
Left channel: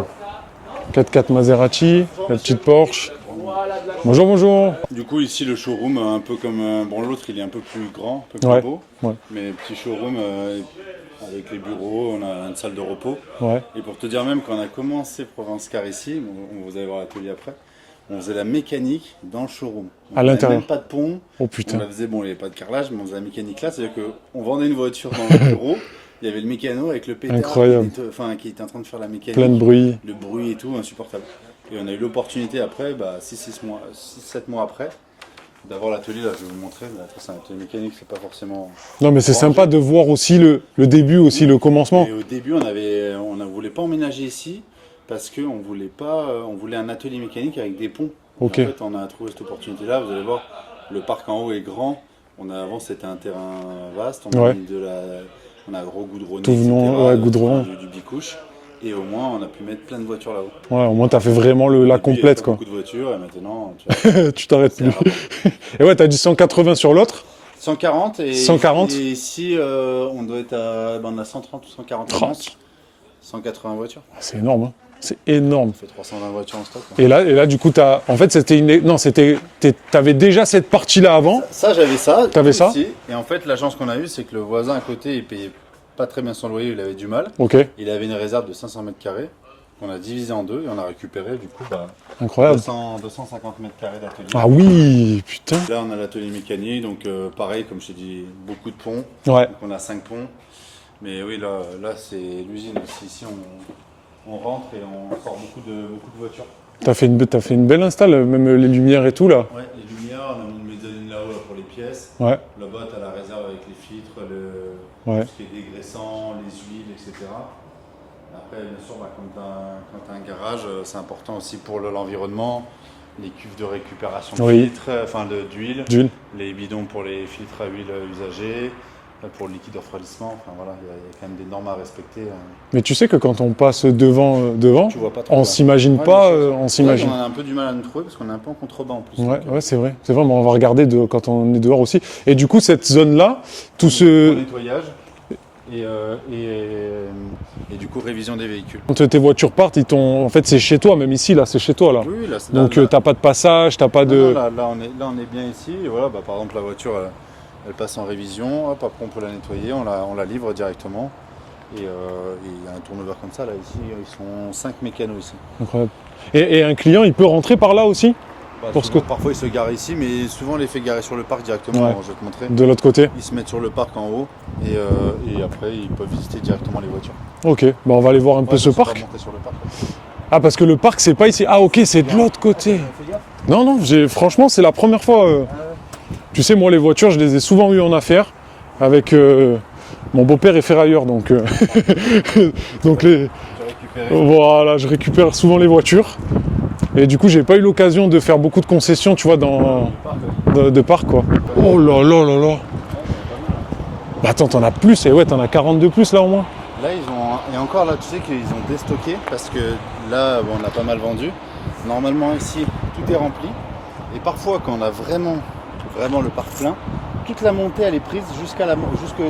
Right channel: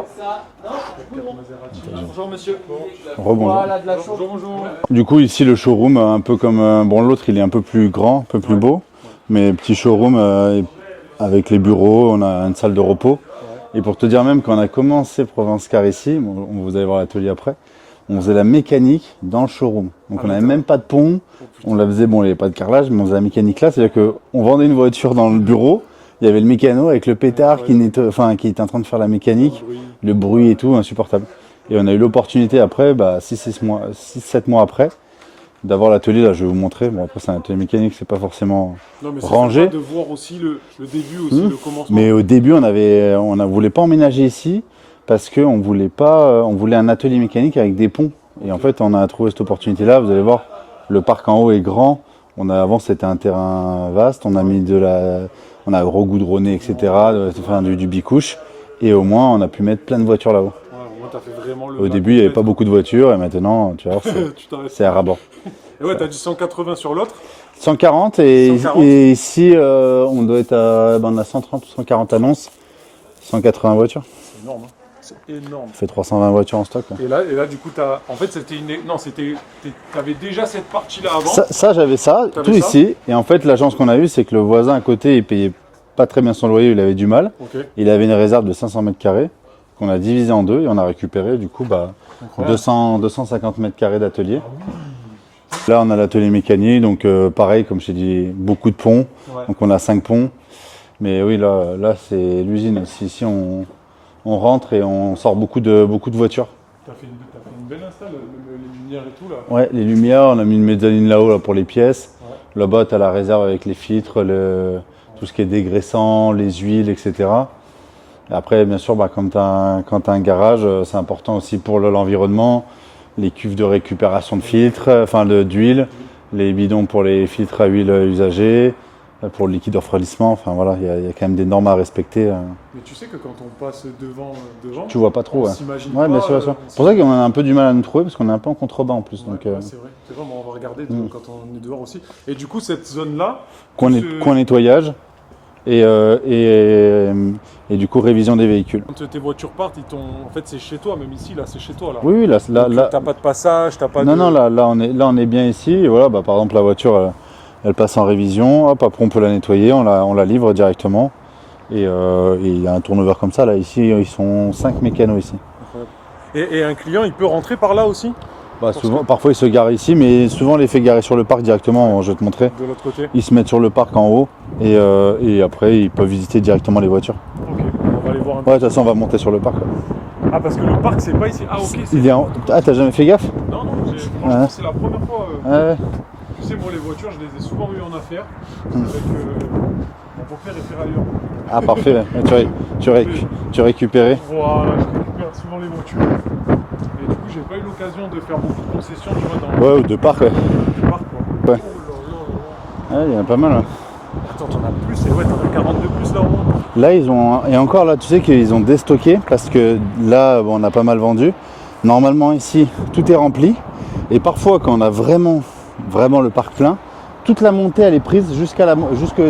4x4 Maserati, la petite Porsche. Rebonjour. Bonjour, bonjour. Du coup, ici, le showroom, un peu comme bon, l'autre, il est un peu plus grand, un peu plus Ouais. beau. Ouais. Mais petit showroom avec les bureaux, on a une salle de repos. Ouais. Et pour te dire même, quand on a commencé Provence Car ici, bon, vous allez voir l'atelier après, on faisait la mécanique dans le showroom. Donc À on n'avait l'intérieur. même pas de pont. Oh putain. On la faisait, bon, il n'y avait pas de carrelage, mais on faisait la mécanique là. C'est-à-dire qu'on vendait une voiture dans le bureau, il y avait le mécano avec le pétard qui était en train de faire la Plein mécanique. de bruit. Le bruit et tout, insupportable. Et on a eu l'opportunité après, 6-7 mois après, d'avoir l'atelier. Là, je vais vous montrer. Bon, après, c'est un atelier mécanique, c'est pas forcément. Non, mais c'est Rangé. sympa de voir aussi le début, aussi le commencement. Mais au début, on ne voulait pas emménager ici parce qu'on voulait un atelier mécanique avec des ponts. Ok. Et en fait, on a trouvé cette opportunité-là. Vous allez voir, le parc en haut est grand. Avant, c'était un terrain vaste. On a Ouais. mis on a regoudronné, Tout etc. blanc, ouais, goudronné. Enfin, du bicouche. Et au moins, on a pu mettre plein de voitures là-haut. Ouais, au moins, t'as fait vraiment Au la début, il n'y avait complète. pas quoi. beaucoup de voitures. Et maintenant, tu vois, c'est Tu t'arrêtes c'est à plus. rabord. Et ouais, t'as du 180 sur l'autre. 140 et 140. et ici, on doit être on a 130 ou 140 annonces. 180 voitures. C'est énorme. Hein. C'est énorme. On fait 320 voitures en stock. quoi. Et là, du coup, en fait, t'avais déjà cette partie-là avant. Ça, j'avais ça, T'avais tout ça ici. Et en fait, l'agence qu'on a eue, c'est que le voisin à côté, il payait pas très bien son loyer, il avait du mal. Ok, Il avait une réserve de 500 mètres carrés qu'on a divisé en deux et on a récupéré du coup incroyable. 250 mètres carrés d'atelier. Ah oui, putain. Là, on a l'atelier mécanique, donc pareil, comme je t'ai dit, beaucoup de ponts. Ouais. Donc on a 5 ponts. Mais oui, là c'est l'usine. Ici, on rentre et on sort beaucoup de voitures. T'as fait une belle install, même les lumières et tout là. Ouais, les lumières, on a mis une mezzanine là-haut là, pour les pièces. Ouais. Là-bas, tu as la réserve avec les filtres, Ouais. tout ce qui est dégraissant, les huiles, etc. Et après, bien sûr, quand tu as un garage, c'est important aussi pour l'environnement. Les cuves de récupération de Oui. filtres, d'huile, D'huile. les bidons pour les filtres à huile usagés, pour le liquide de refroidissement. Enfin voilà, il y a quand même des normes à respecter. Mais tu sais que quand on passe devant, Tu vois pas trop. on ouais. s'imagine Ouais, pas. bien sûr, bien sûr. On C'est vrai s'imagine. qu'on a un peu du mal à nous trouver parce qu'on est un peu en contrebas en plus. Ouais, donc, ouais, c'est vrai. C'est vrai, mais on va regarder quand on est dehors aussi. Et du coup, cette zone-là, tout coin ce. nettoyage et du coup révision des véhicules. Quand tes voitures partent, en fait, c'est chez toi, même ici, là, c'est chez toi, là. Oui, là, Donc, t'as pas de passage, t'as pas non, de. non, là, on est bien ici. Et voilà, par exemple, la voiture, elle passe en révision. Hop, après, on peut la nettoyer, on la livre directement. Et il y a un turnover comme ça. Là, ici, ils sont 5 mécanos ici. Incroyable. Et un client, il peut rentrer par là aussi, Souvent, parfois, ils se garent ici, mais souvent, on les fait garer sur le parc directement. Ouais. Je vais te montrer. de l'autre côté. Ils se mettent sur le parc en haut et après, ils peuvent visiter directement les voitures. Ok, bah, on va aller voir un peu Ouais, ce ça, on parc. va monter sur le parc. Là. Ah, parce que le parc, c'est pas ici. Ah, ok, c'est Il de est en- l'autre côté. Ah, t'as jamais fait gaffe? Non, non, franchement, Ouais. c'est la première fois. Ouais. Tu sais, moi, les voitures, je les ai souvent eues en affaire avec mon beau-père est ferrailleur, donc. Ah, parfait. Donc, Tu récupérais. Voilà, je récupère souvent les voitures. Et du coup, j'ai pas eu l'occasion de faire beaucoup de concessions, tu vois, dans Ouais, de parc, ouais. de parc, quoi. Ouais. Oh là là là là. Ouais, il y en a pas mal. Hein. Bah, attends, t'en as plus, et ouais, t'en as 42 plus là au moins. Là, et encore là, tu sais qu'ils ont déstocké parce que là, bon, on a pas mal vendu. Normalement, ici, tout est rempli. Et parfois, quand on a vraiment le parc plein, toute la montée, elle est prise jusque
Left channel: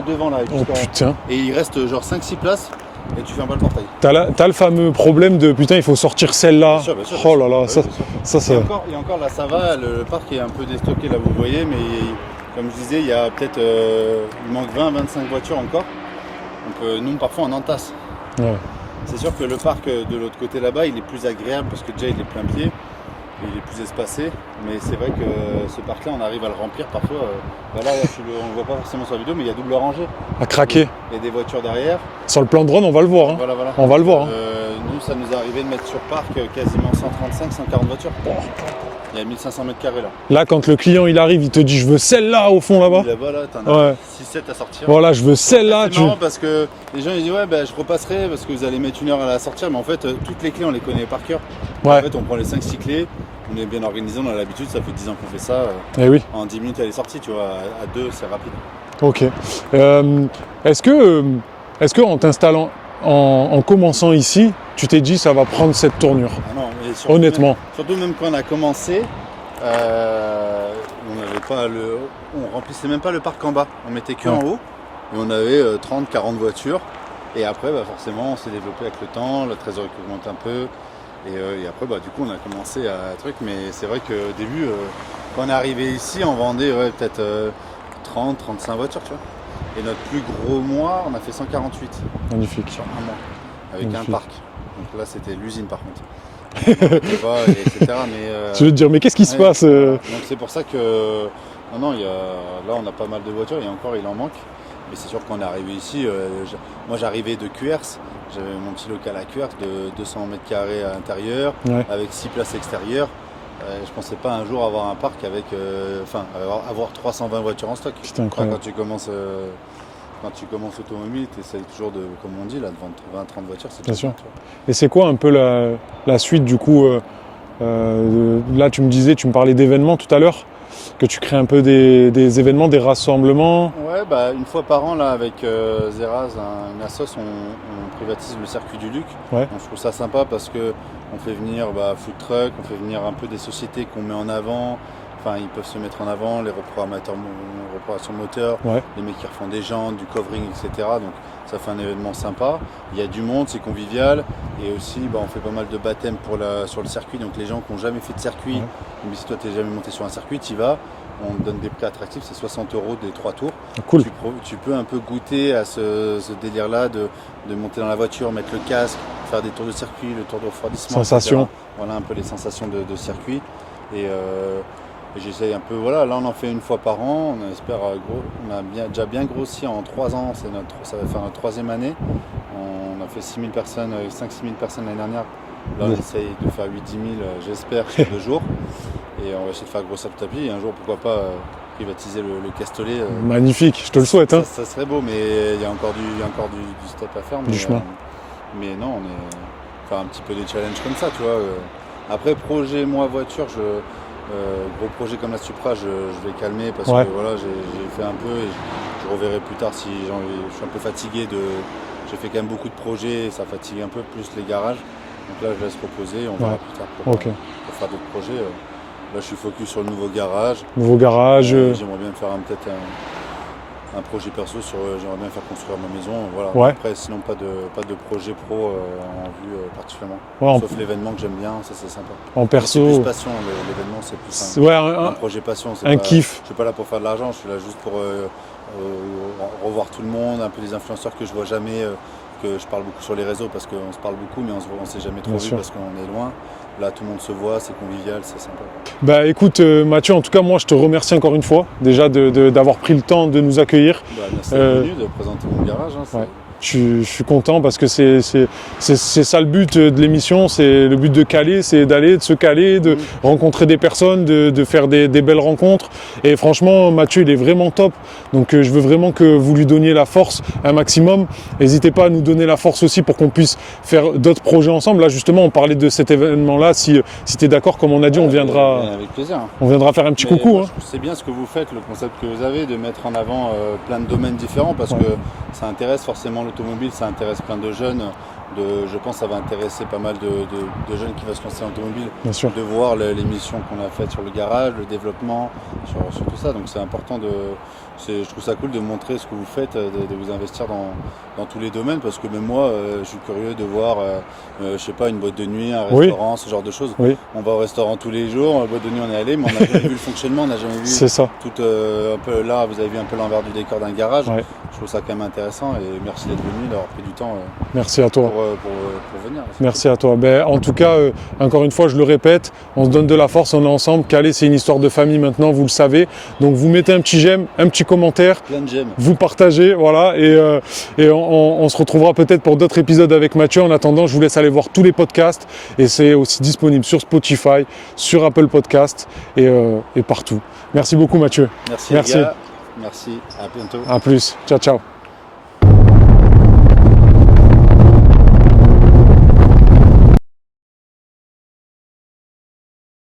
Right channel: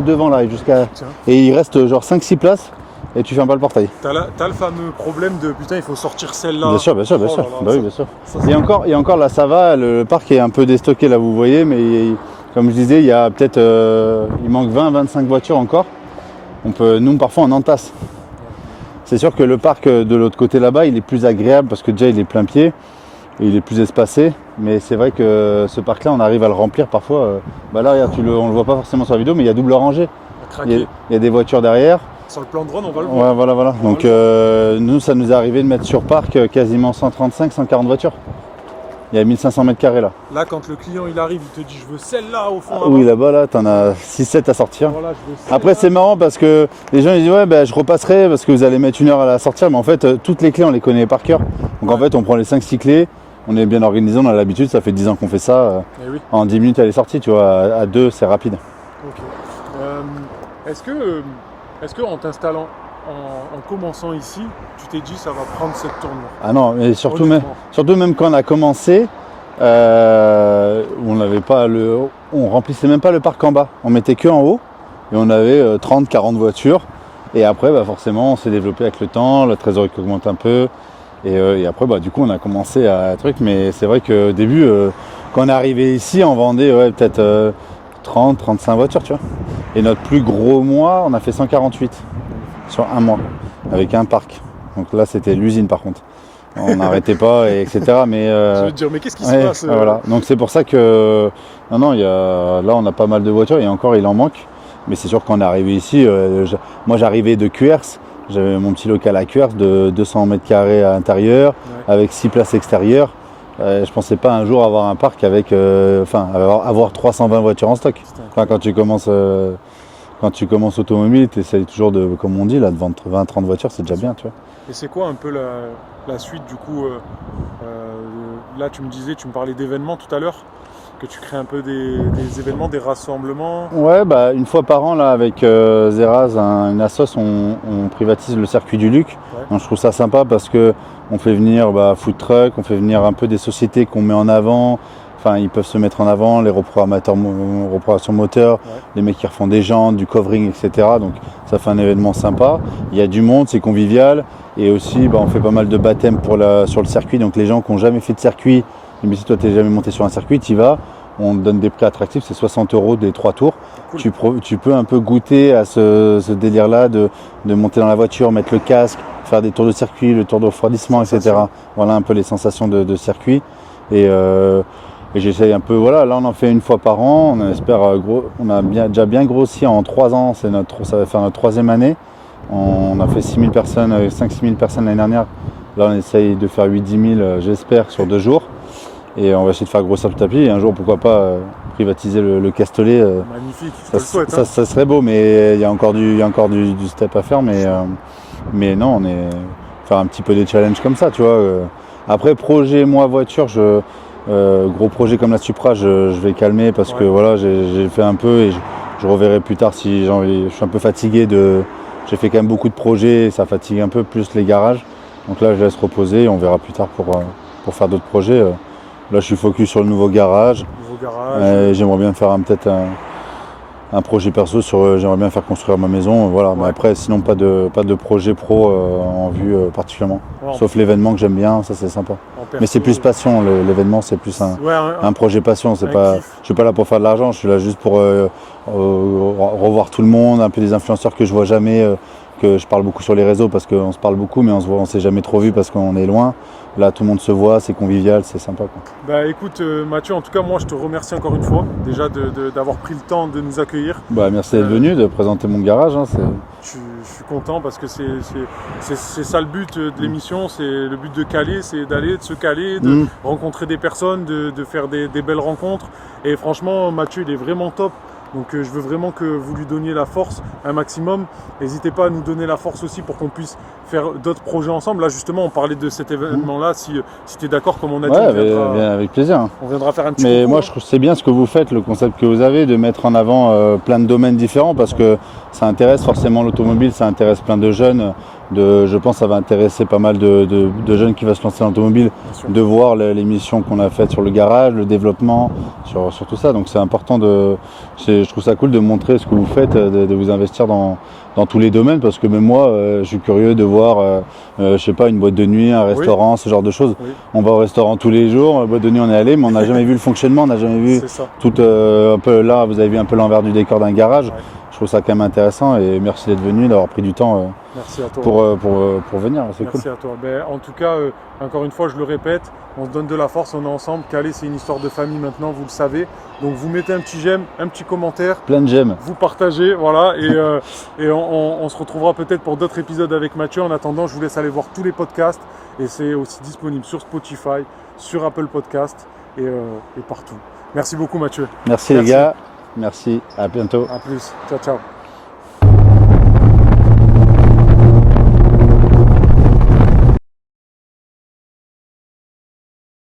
devant là. Oh, putain. Et il reste genre 5-6 places et tu fermes pas le portail. T'as le fameux problème de putain, il faut sortir celle-là. Bien sûr, bien sûr. Oh là là, Bah oui, ça, bien sûr. ça, c'est. Et encore là, ça va, le parc est un peu déstocké là, vous voyez, mais comme je disais, il y a peut-être, il manque 20-25 voitures encore. Nous, parfois, on entasse. Ouais. C'est sûr que le parc de l'autre côté là-bas, il est plus agréable parce que déjà il est plein pied et il est plus espacé. Mais c'est vrai que ce parc-là, on arrive à le remplir parfois. Là, regarde, on le voit pas forcément sur la vidéo, mais il y a double rangée. À craquer. Il y a des voitures derrière. Sur le plan de drone, on va le voir. Voilà, hein. voilà. On va Donc, le voir. nous, ça nous est arrivé de mettre sur parc quasiment 135-140 voitures. Il y a 1500 mètres carrés là. Là, quand le client il arrive, il te dit je veux celle-là au fond là-bas. Oui, là-bas, là, t'en as Ouais. 6-7 à sortir. Voilà, je veux celle-là. Après, c'est marrant parce que les gens ils disent ouais, ben, je repasserai parce que vous allez mettre 1 heure à la sortir. Mais en fait, toutes les clés, on les connaît par cœur. Donc, Ouais. en fait, on prend les 5-6 clés. On est bien organisé, on a l'habitude. Ça fait 10 ans qu'on fait ça. Eh oui. En 10 minutes, elle est sortie. Tu vois, à 2, c'est rapide. Ok. Est-ce que en t'installant, en commençant ici, tu t'es dit ça va prendre cette tournure? Ah non, mais surtout Honnêtement. surtout même quand on a commencé, on n'avait pas on remplissait même pas le parc en bas. On mettait que en haut et on avait 30-40 voitures. Et après, bah, forcément, on s'est développé avec le temps, la trésorerie qui augmente un peu. Et après, bah, du coup, on a commencé à truc. Mais c'est vrai qu'au début, quand on est arrivé ici, on vendait peut-être 30-35 voitures, tu vois. Et notre plus gros mois, on a fait 148 Magnifique. sur un mois, avec un parc. Donc là, c'était l'usine par contre. On n'arrêtait pas, etc. Mais, Je veux te dire, mais qu'est-ce qui se ouais, passe voilà. Donc c'est pour ça que non, là on a pas mal de voitures et encore il en manque. Mais c'est sûr qu'on est arrivé ici, moi j'arrivais de QRS, j'avais mon petit local à QRS de 200 mètres carrés à l'intérieur, Ouais. avec 6 places extérieures. Je pensais pas un jour avoir un parc avec, avoir 320 voitures en stock. C'était Enfin, incroyable. quand tu commences automobile, tu essayes toujours de, comme on dit, là, de vendre 20-30 voitures, c'est déjà Bien bien, tu vois. Et c'est quoi un peu la suite du coup là, tu me parlais d'événements tout à l'heure, que tu crées un peu des événements, des rassemblements. Ouais, bah, une fois par an, là, avec Zeraz, une assoce, on privatise le circuit du Luc. Ouais. Donc, je trouve ça sympa parce que on fait venir food truck, on fait venir un peu des sociétés qu'on met en avant. Enfin, ils peuvent se mettre en avant, les reprogrammations moteurs, Ouais. les mecs qui refont des jantes, du covering, etc. Donc, ça fait un événement sympa. Il y a du monde, c'est convivial. Et aussi, on fait pas mal de baptêmes sur le circuit. Donc, les gens qui n'ont jamais fait de circuit, mais si toi, tu n'es jamais monté sur un circuit, tu y vas. On te donne des prix attractifs, c'est 60 € des 3 tours. Cool. Tu peux un peu goûter à ce délire-là de monter dans la voiture, mettre le casque, faire des tours de circuit, le tour de refroidissement, etc. Sensations. Voilà un peu les sensations de circuit. Et j'essaye un peu, voilà, là on en fait une fois par an. On espère on a déjà bien grossi en 3 ans, ça va faire notre 3e année. On a fait 5-6 000 personnes l'année dernière. Là on essaye de faire 8-10 000, j'espère, sur 2 jours. Et on va essayer de faire grossir petit à petit. Et un jour, pourquoi pas privatiser le Castellet. Magnifique, je te le souhaite. Hein. Ça serait beau, mais il y a encore du step à faire. Mais non, on est faire un petit peu des challenges comme ça, tu vois. Après, projet, moi, voiture, gros projet comme la Supra, je vais calmer parce que voilà, j'ai fait un peu et je reverrai plus tard si je suis un peu fatigué j'ai fait quand même beaucoup de projets et ça fatigue un peu plus les garages. Donc là, je laisse reposer et on verra plus tard pour faire d'autres projets. Là, je suis focus sur le nouveau garage. Nouveau garage. J'aimerais bien faire peut-être un projet perso j'aimerais bien faire construire ma maison. Voilà. Ouais. Mais après, sinon, pas de projet pro en vue particulièrement. Ouais, Sauf l'événement que j'aime bien, ça c'est sympa. en perso. Mais c'est plus passion, l'événement c'est plus un projet passion. un kiff. Je suis pas là pour faire de l'argent, je suis là juste pour revoir tout le monde, un peu des influenceurs que je vois jamais, que je parle beaucoup sur les réseaux parce qu'on se parle beaucoup mais on s'est jamais trop Bien vu sûr. parce qu'on est loin. Là tout le monde se voit, c'est convivial, c'est sympa. Quoi. Bah écoute Mathieu, en tout cas moi je te remercie encore une fois déjà d'avoir pris le temps de nous accueillir. Merci d'être venu, de présenter mon garage. Je suis content parce que c'est ça le but de l'émission, c'est le but de caler, c'est d'aller, de se caler, de rencontrer des personnes, de faire des belles rencontres. Et franchement, Mathieu, il est vraiment top. Donc je veux vraiment que vous lui donniez la force un maximum. N'hésitez pas à nous donner la force aussi pour qu'on puisse faire d'autres projets ensemble. Là, justement, on parlait de cet événement-là. Si tu es d'accord, comme on a dit, avec plaisir. On viendra faire un petit Mais coucou. moi, je trouve que c'est bien ce que vous faites, le concept que vous avez, de mettre en avant plein de domaines différents parce que ça intéresse forcément l'automobile, ça intéresse plein de jeunes. Je pense que ça va intéresser pas mal de jeunes qui vont se lancer dans l'automobile, de voir l'émission qu'on a faite sur le garage, le développement, sur tout ça. Donc c'est important je trouve ça cool de montrer ce que vous faites, de vous investir dans tous les domaines parce que même moi, je suis curieux de voir, je sais pas, une boîte de nuit, un restaurant, ce genre de choses. Oui. On va au restaurant tous les jours, boîte de nuit on est allé, mais on n'a jamais vu le fonctionnement, on n'a jamais vu C'est ça. tout un peu là, vous avez vu un peu l'envers du décor d'un garage. Ouais. Je trouve ça quand même intéressant et merci d'être venu, d'avoir pris du temps Merci à toi. pour venir. C'est Merci à toi. Ben, en tout cas, encore une fois, je le répète, on se donne de la force, on est ensemble. Calais, c'est une histoire de famille maintenant, vous le savez. Donc vous mettez un petit j'aime, un petit commentaire. cool. Plein de j'aime. Vous partagez, voilà. Et on se retrouvera peut-être pour d'autres épisodes avec Mathieu. En attendant, je vous laisse aller voir tous les podcasts. Et c'est aussi disponible sur Spotify, sur Apple Podcast et partout. Merci beaucoup Mathieu. Merci les gars. Merci. À bientôt. À plus. Ciao, ciao.